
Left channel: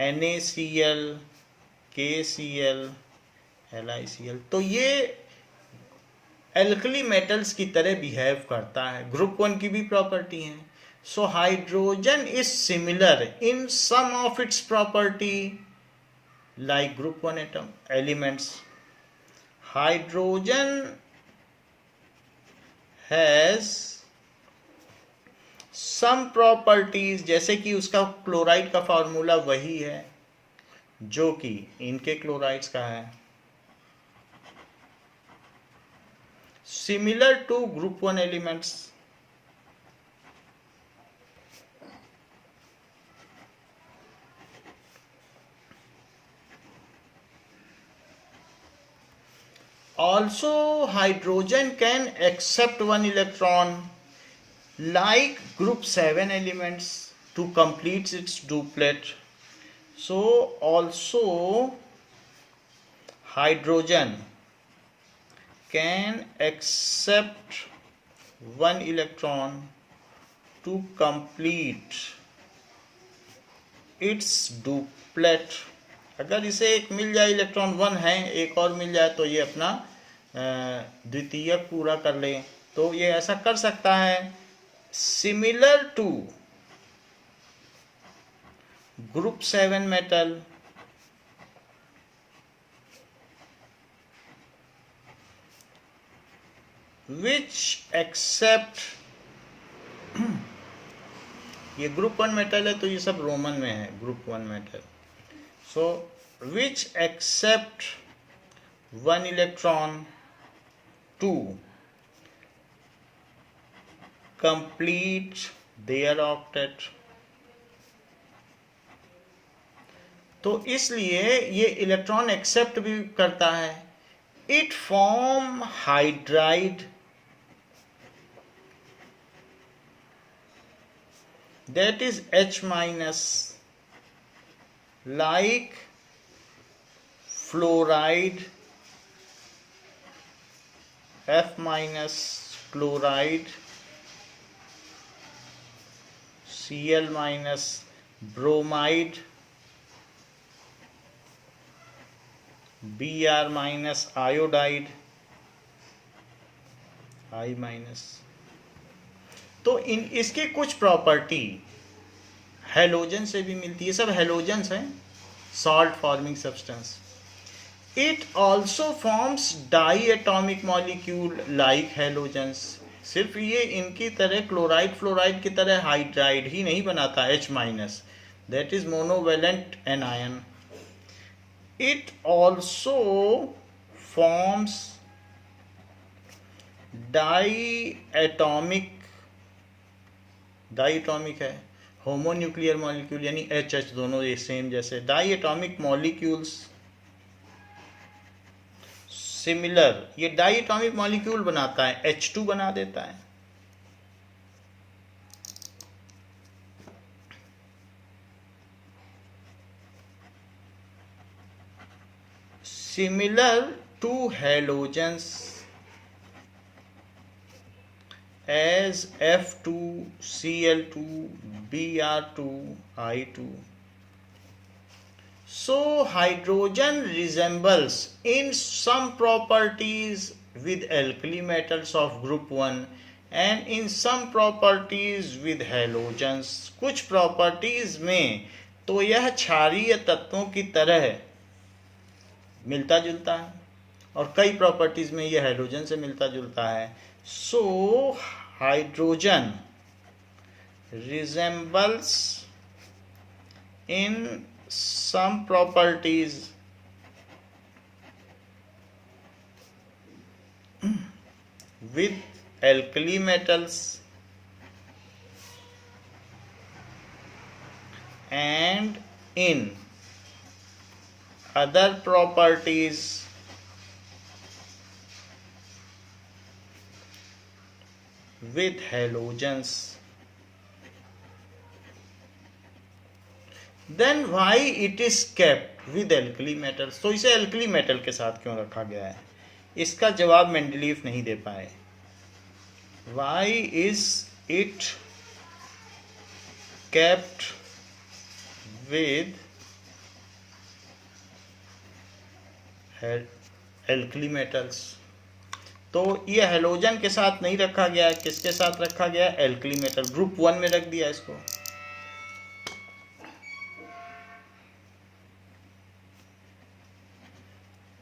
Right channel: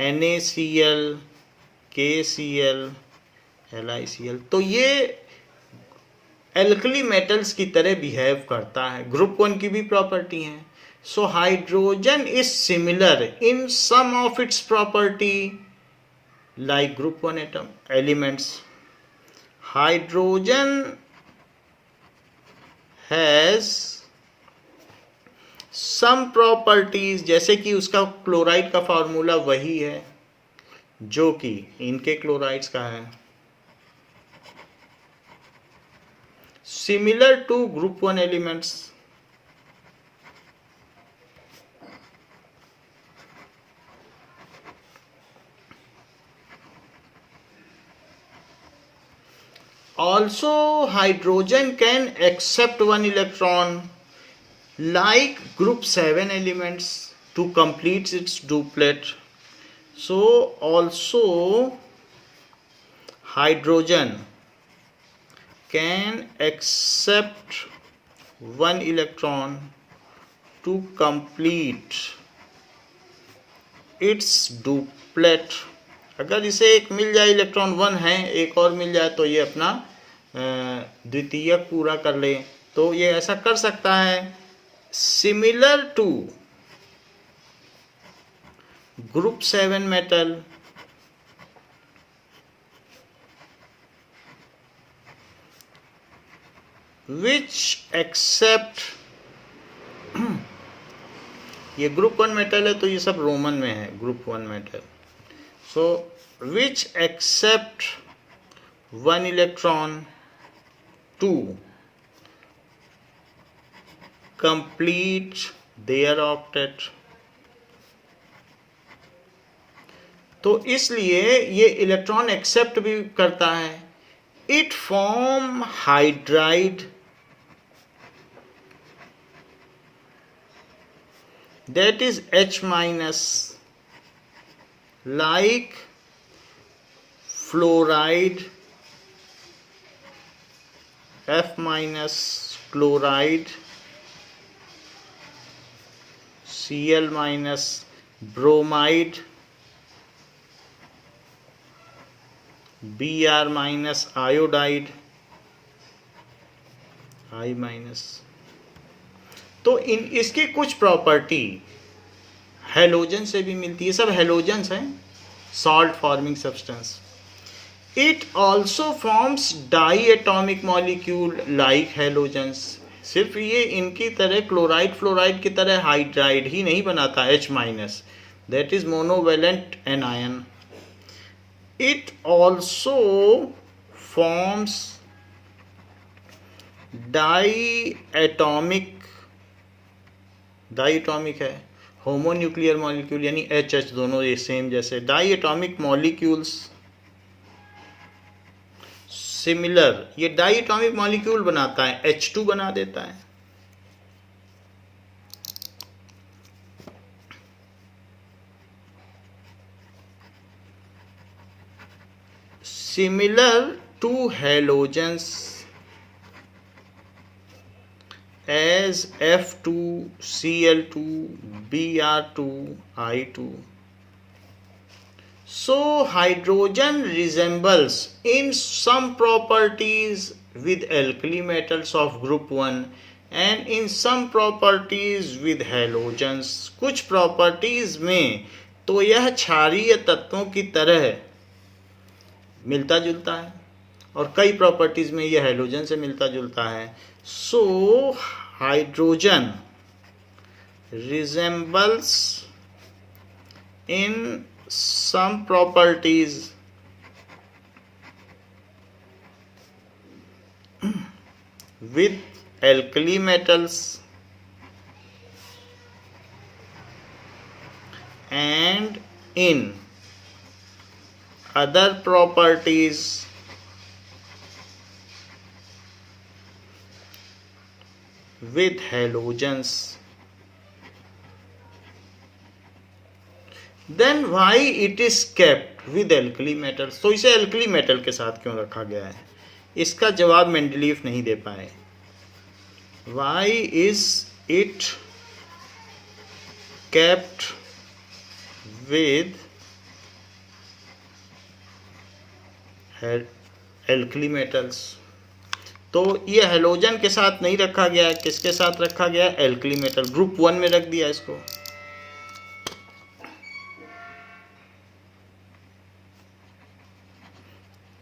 NaCl, KCl, LiCl। तो ये एल्कली मेटल्स की तरह बिहेव करता है, ग्रुप 1 की भी प्रॉपर्टी है। So hydrogen is similar in some of its property like group 1 atom elements. Hydrogen has some properties, जैसे कि उसका क्लोराइड का फॉर्मूला वही है जो कि इनके क्लोराइड्स का है, similar to group 1 elements। Also hydrogen can accept one electron like group 7 elements to complete its duplet। So also hydrogen can accept one electron to complete its duplet। अगर इसे एक मिल जाए, इलेक्ट्रॉन 1 है, एक और मिल जाए तो ये अपना द्वितीयक पूरा कर ले, तो ये ऐसा कर सकता है। Similar to group 7 metal which accept ये ग्रुप 1 मेटल है, तो ये सब रोमन में है, group 1 metal. So which accept one electron to complete their octet। तो इसलिए ये इलेक्ट्रॉन एक्सेप्ट भी करता है। It form hydride that is H minus like fluoride, F minus chloride, Cl minus bromide, Br minus iodide, I minus। तो इसकी कुछ property halogen से भी मिलती है, सब हेलोजन्स हैं। salt forming substance. It also forms diatomic molecule like halogens. सिर्फ ये इनकी तरह क्लोराइड फ्लोराइड की तरह हाइड्राइड ही नहीं बनाता H minus, that is monovalent anion. It also forms diatomic है होमोन्यूक्लियर मॉलिक्यूल, यानी H दोनों ये सेम जैसे डाइएटॉमिक मॉलिक्यूल्स सिमिलर, ये डाइएटॉमिक मॉलिक्यूल बनाता है, H2 बना देता है. Similar to halogens as F2, Cl2, Br2, I2. So hydrogen resembles in some properties with alkali metals of group 1 and in some properties with halogens. कुछ properties में तो यह क्षारीय तत्वों की तरह मिलता जुलता है और कई प्रॉपर्टीज में यह हैलोजन से मिलता जुलता है. So hydrogen resembles in some properties with alkali metals and in other properties with halogens. Then why it is kept with alkali metals? तो इसे alkali metal के साथ क्यों रखा गया है? इसका जवाब मेंडलीव नहीं दे पाए. Why is it kept with alkali metals? तो ये हेलोजन के साथ नहीं रखा गया है, किसके साथ रखा गया है? एल्कली मेटल, ग्रुप 1 में रख दिया इसको.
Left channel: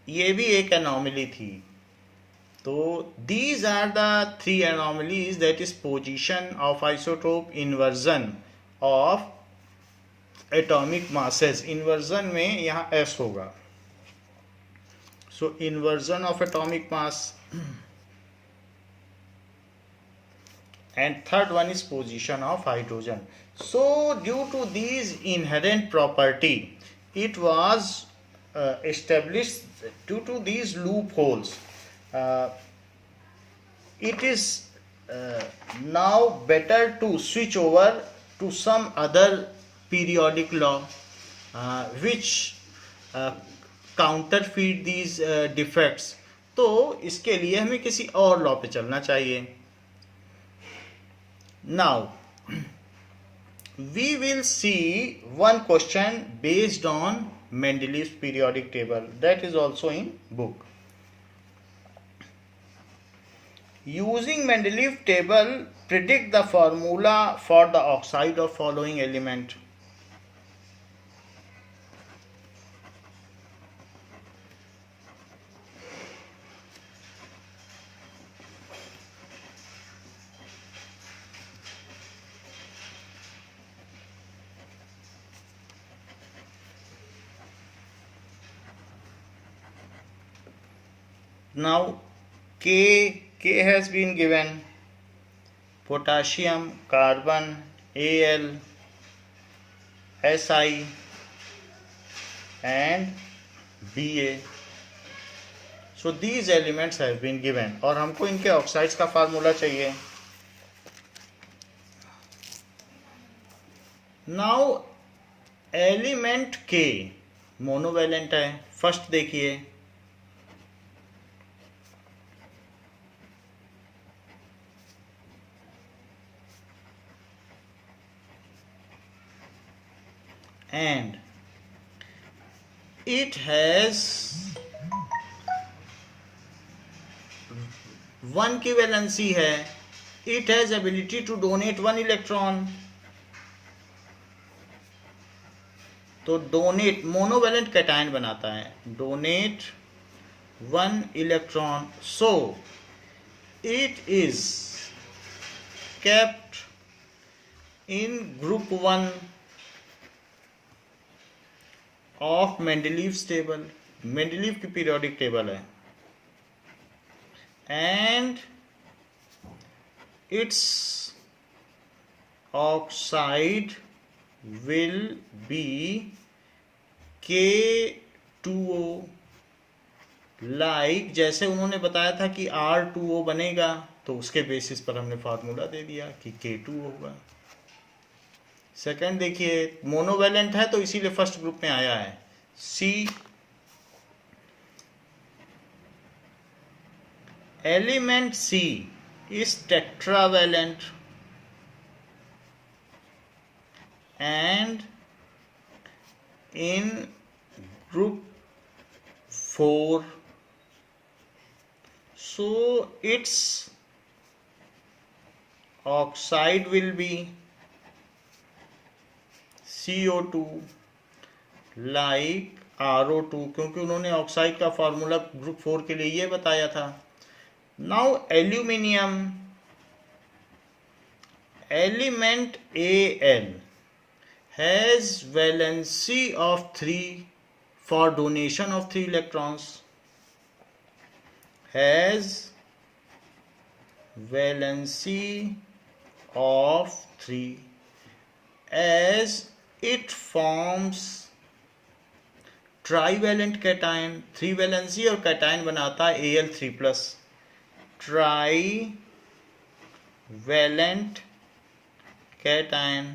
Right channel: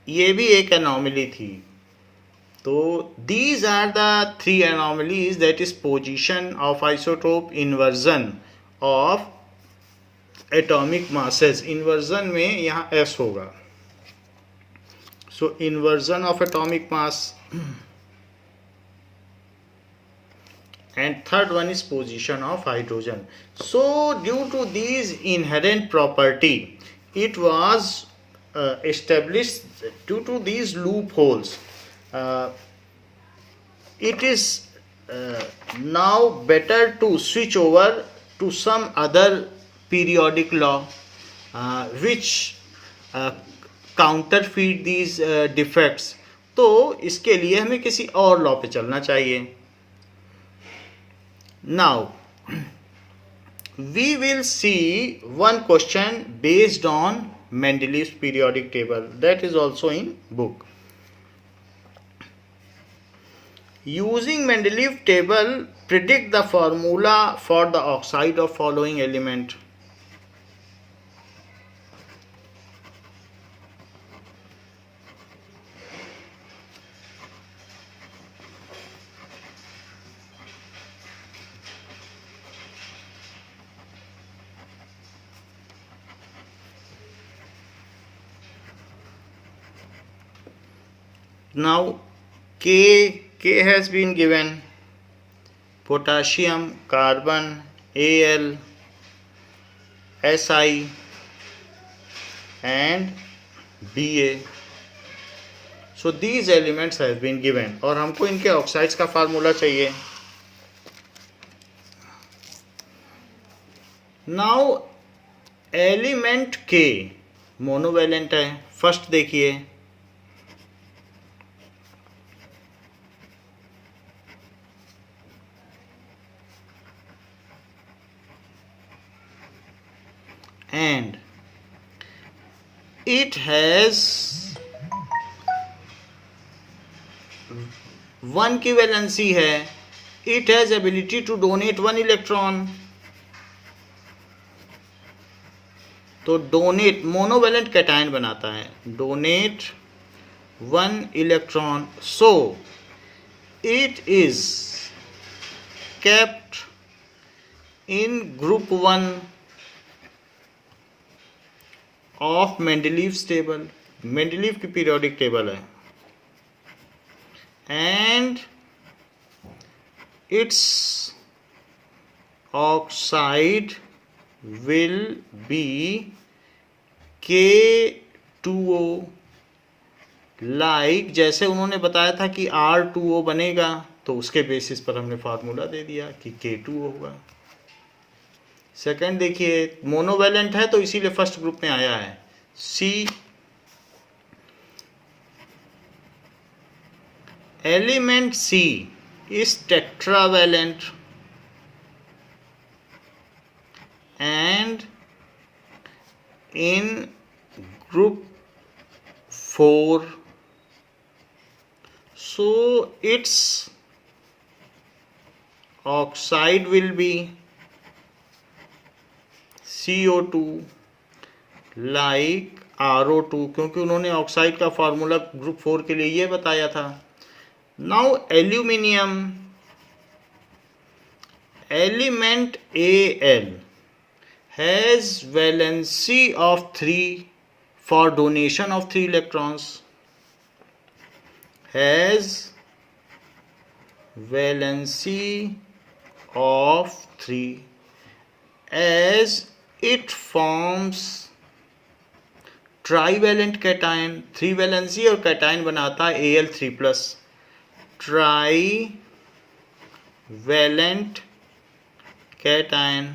ये भी एक एनॉमली थी. तो these are the 3 anomalies, that is position of isotope, inversion of atomic masses. Inversion में यहाँ S होगा. So inversion of atomic mass, and third one is position of hydrogen. So due to these inherent property, it was established, due to these loopholes, it is now better to switch over to some other periodic law which counterfeit these defects. तो इसके लिए हमें किसी और law पे चलना चाहिए. Now we will see one question based on Mendeleev's periodic table, that is also in book. Using Mendeleev table, predict the formula for the oxide of following element. Now K has been given: potassium, carbon, Al, Si and Ba. So these elements have been given और हमको इनके oxides का formula चाहिए. Now element K monovalent है. First देखिए, and it has 1 की valency है. It has ability to donate 1 electron. तो डोनेट मोनोवेलेंट कैटायन बनाता है, donate 1 electron, so it is kept in group 1 of Mendeleev's table, Mendeleev की periodic table है, and its oxide will be K2O, like जैसे उन्होंने बताया था कि R2O बनेगा, तो उसके बेसिस पर हमने फार्मूला दे दिया कि K2O होगा। सेकंड देखिए, मोनोवेलेंट है तो इसीलिए फर्स्ट ग्रुप में आया है, C element C is tetravalent and in group 4, so its oxide will be CO2 like RO2, क्योंकि उन्होंने ऑक्साइड का फार्मूला ग्रुप 4 के लिए ये बताया था। Now aluminium, element Al has valency of 3 for donation of 3 electrons, has valency of 3 as it forms trivalent cation, 3 valency और cation बनाता है Al3+, ट्राईवैलेंट कैटायन।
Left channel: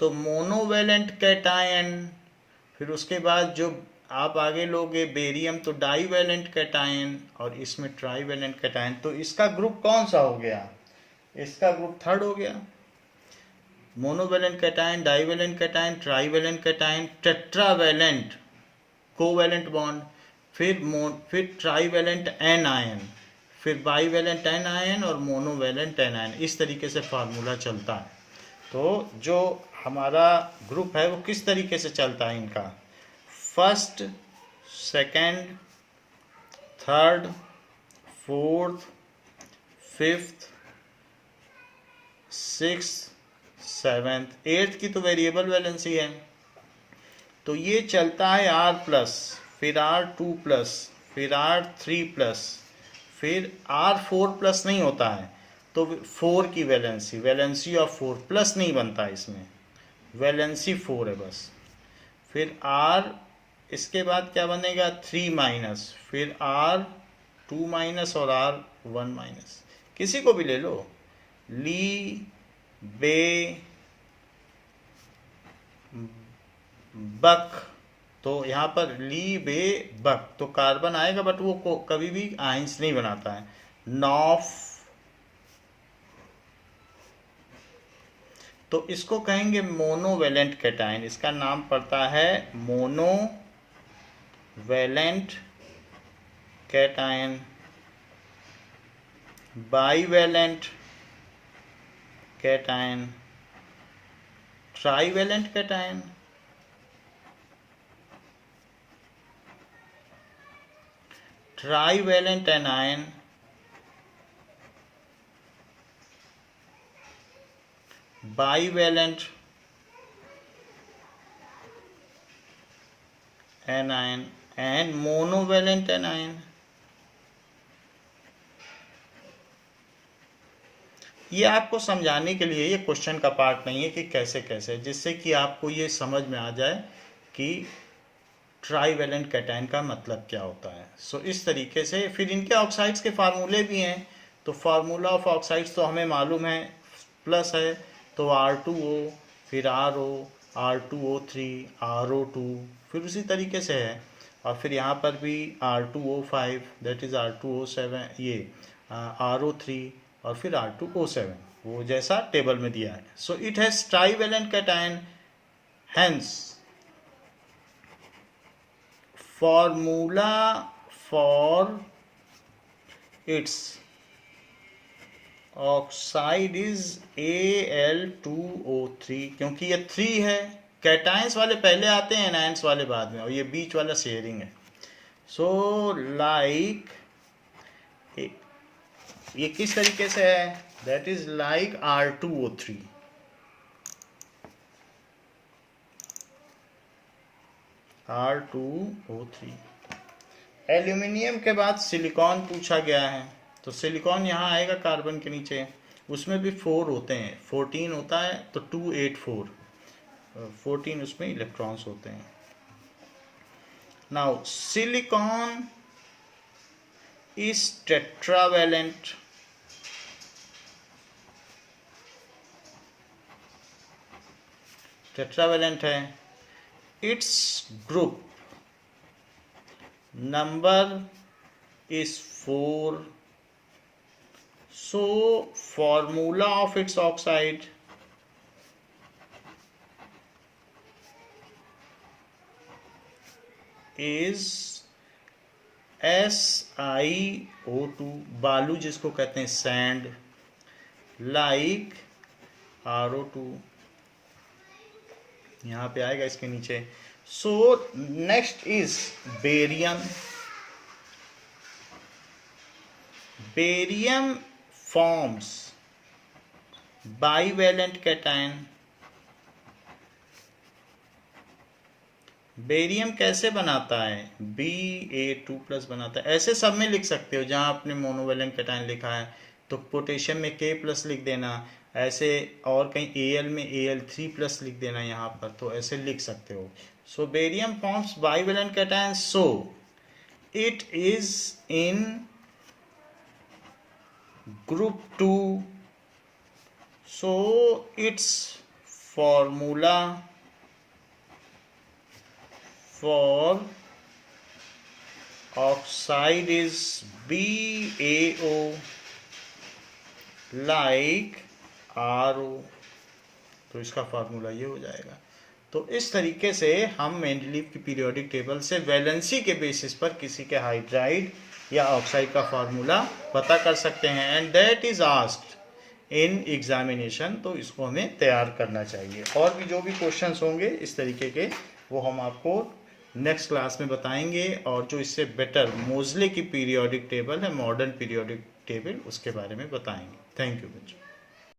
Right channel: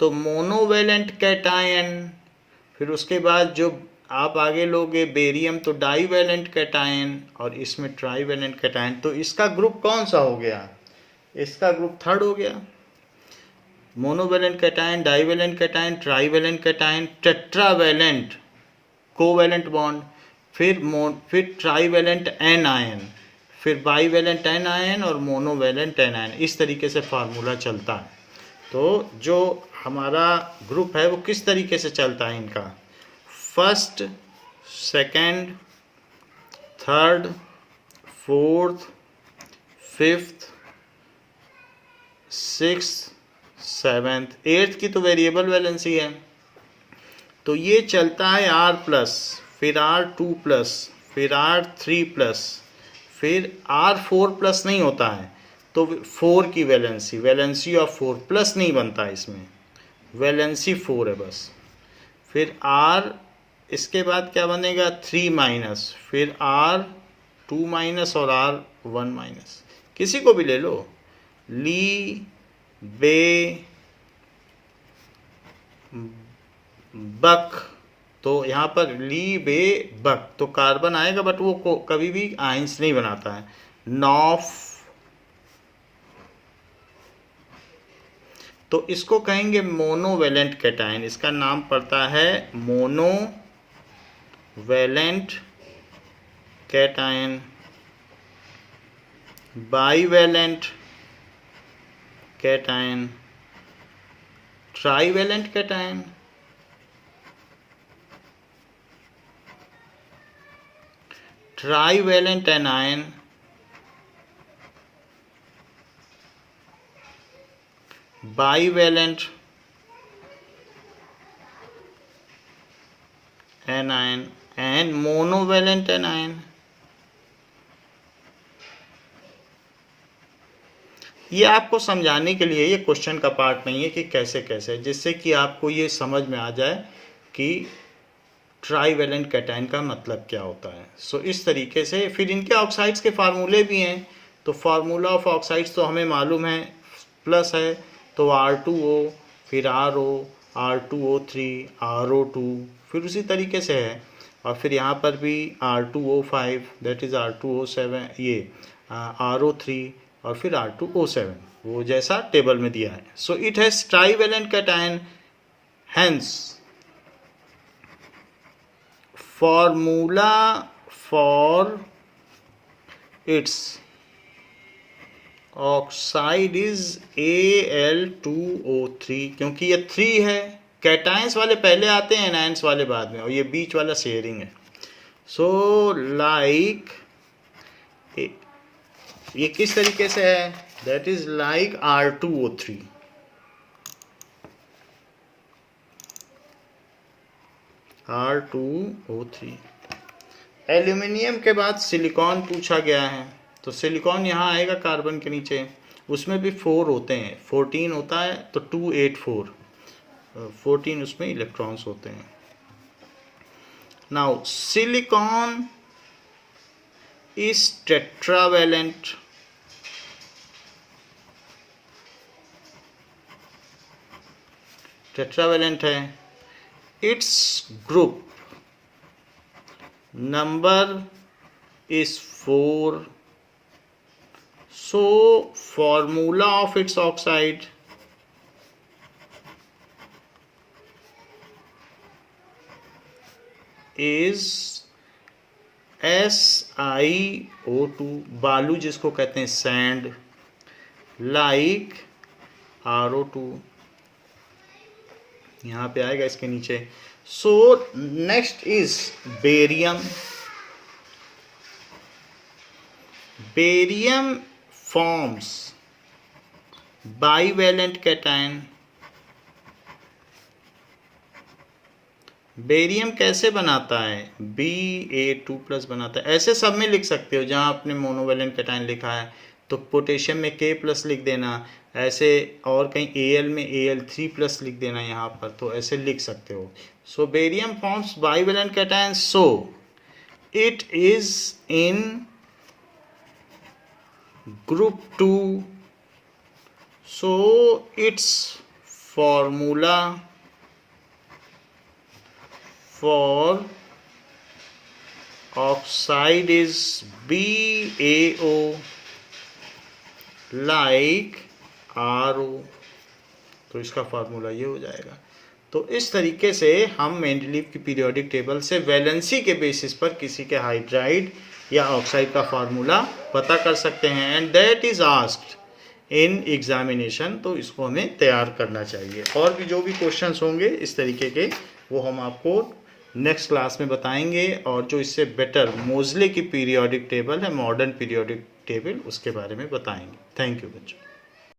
तो मोनोवैलेंट कैटायन, फिर उसके बाद जो आप आगे लोगे बेरियम तो डाईवैलेंट कैटायन, और इसमें ट्राईवैलेंट कैटायन। तो इसका ग्रुप कौन सा हो गया? इसका ग्रुप थर्ड हो गया। Monovalent cation, divalent cation, trivalent cation, tetravalent covalent bond, फिर ट्राईवैलेंट एनायन, फिर बाईवैलेंट एनायन और मोनोवैलेंट एनायन। इस तरीके से फार्मूला चलता है। तो जो हमारा ग्रुप है वो किस तरीके से चलता है इनका, first, second, third, fourth, fifth, sixth, seventh, eighth की तो वेरिएबल वैलेंसी है। तो ये चलता है R+, फिर R2+, फिर R3+, फिर R4+ नहीं होता है तो 4 की वैलेंसी ऑफ 4+ नहीं बनता है, इसमें वैलेंसी 4 है बस। फिर R, इसके बाद क्या बनेगा 3-, फिर R2- और R1-, किसी को भी ले लो, ली, बे, बक। तो यहाँ पर ली, बे, बक, तो कार्बन आएगा बट वो कभी भी आइंस नहीं बनाता है। नॉफ, तो इसको कहेंगे मोनोवैलेंट कैटायन, इसका नाम पड़ता है monovalent cation. Bivalent cation, trivalent cation, trivalent anion, bivalent anion and monovalent anion. ये आपको समझाने के लिए, ये क्वेश्चन का पार्ट नहीं है कि कैसे कैसे, जिससे कि आपको ये समझ में आ जाए कि ट्राईवैलेंट कैटायन का मतलब क्या होता है। सो इस तरीके से फिर इनके ऑक्साइड्स के फार्मूले भी हैं। तो फार्मूला ऑफ ऑक्साइड्स तो हमें मालूम है, प्लस है तो R2O, फिर RO, R2O3, RO2, फिर उसी तरीके से है। और फिर यहाँ पर भी R2O5, दैट इज़ R2O7, ये RO3 और फिर R2O7, वो जैसा टेबल में दिया है। So it has trivalent cation, hence formula for its oxide is Al2O3, क्योंकि ये 3 है कैटायंस वाले पहले आते हैं, एनायंस वाले बाद में, और ये बीच वाला शेयरिंग है. सो लाइक ये किस तरीके से है, that is like R2O3. R2O3. Aluminium के बाद सिलिकॉन पूछा गया है, तो सिलिकॉन यहाँ आएगा कार्बन के नीचे, उसमें भी 4 होते हैं, 14 होता है तो 284, 14 उसमें इलेक्ट्रॉन्स होते हैं. Now silicon is tetravalent. Tetravalent है. It's group number is 4. So formula of its oxide is SiO2, बालू जिसको कहते हैं सैंड, like RO2 यहाँ पे आएगा इसके नीचे. So next is barium. Barium forms bivalent cation. Barium कैसे बनाता है, Ba2+ बनाता है. ऐसे सब में लिख सकते हो, जहाँ आपने मोनोवेलेंट कैटायन लिखा है तो पोटेशियम में K+ लिख देना, ऐसे और कहीं Al में Al3+ लिख देना यहाँ पर, तो ऐसे लिख सकते हो. So barium forms bivalent cation, so it is in group 2. So it's formula for oxide is BaO like RO. तो इसका फार्मूला ये हो जाएगा. तो इस तरीके से हम मेंडलीव की पीरियोडिक टेबल से वैलेंसी के बेसिस पर किसी के हाइड्राइड या ऑक्साइड का फार्मूला पता कर सकते हैं, and that is asked in examination. तो इसको हमें तैयार करना चाहिए. और भी जो भी क्वेश्चंस होंगे इस तरीके के, वो हम आपको नेक्स्ट क्लास में बताएंगे. और जो इससे बेटर मोज़ले की पीरियोडिक टेबल है, मॉडर्न पीरियोडिक टेबल, उसके बारे में बताएंगे. थैंक यू बच्चों.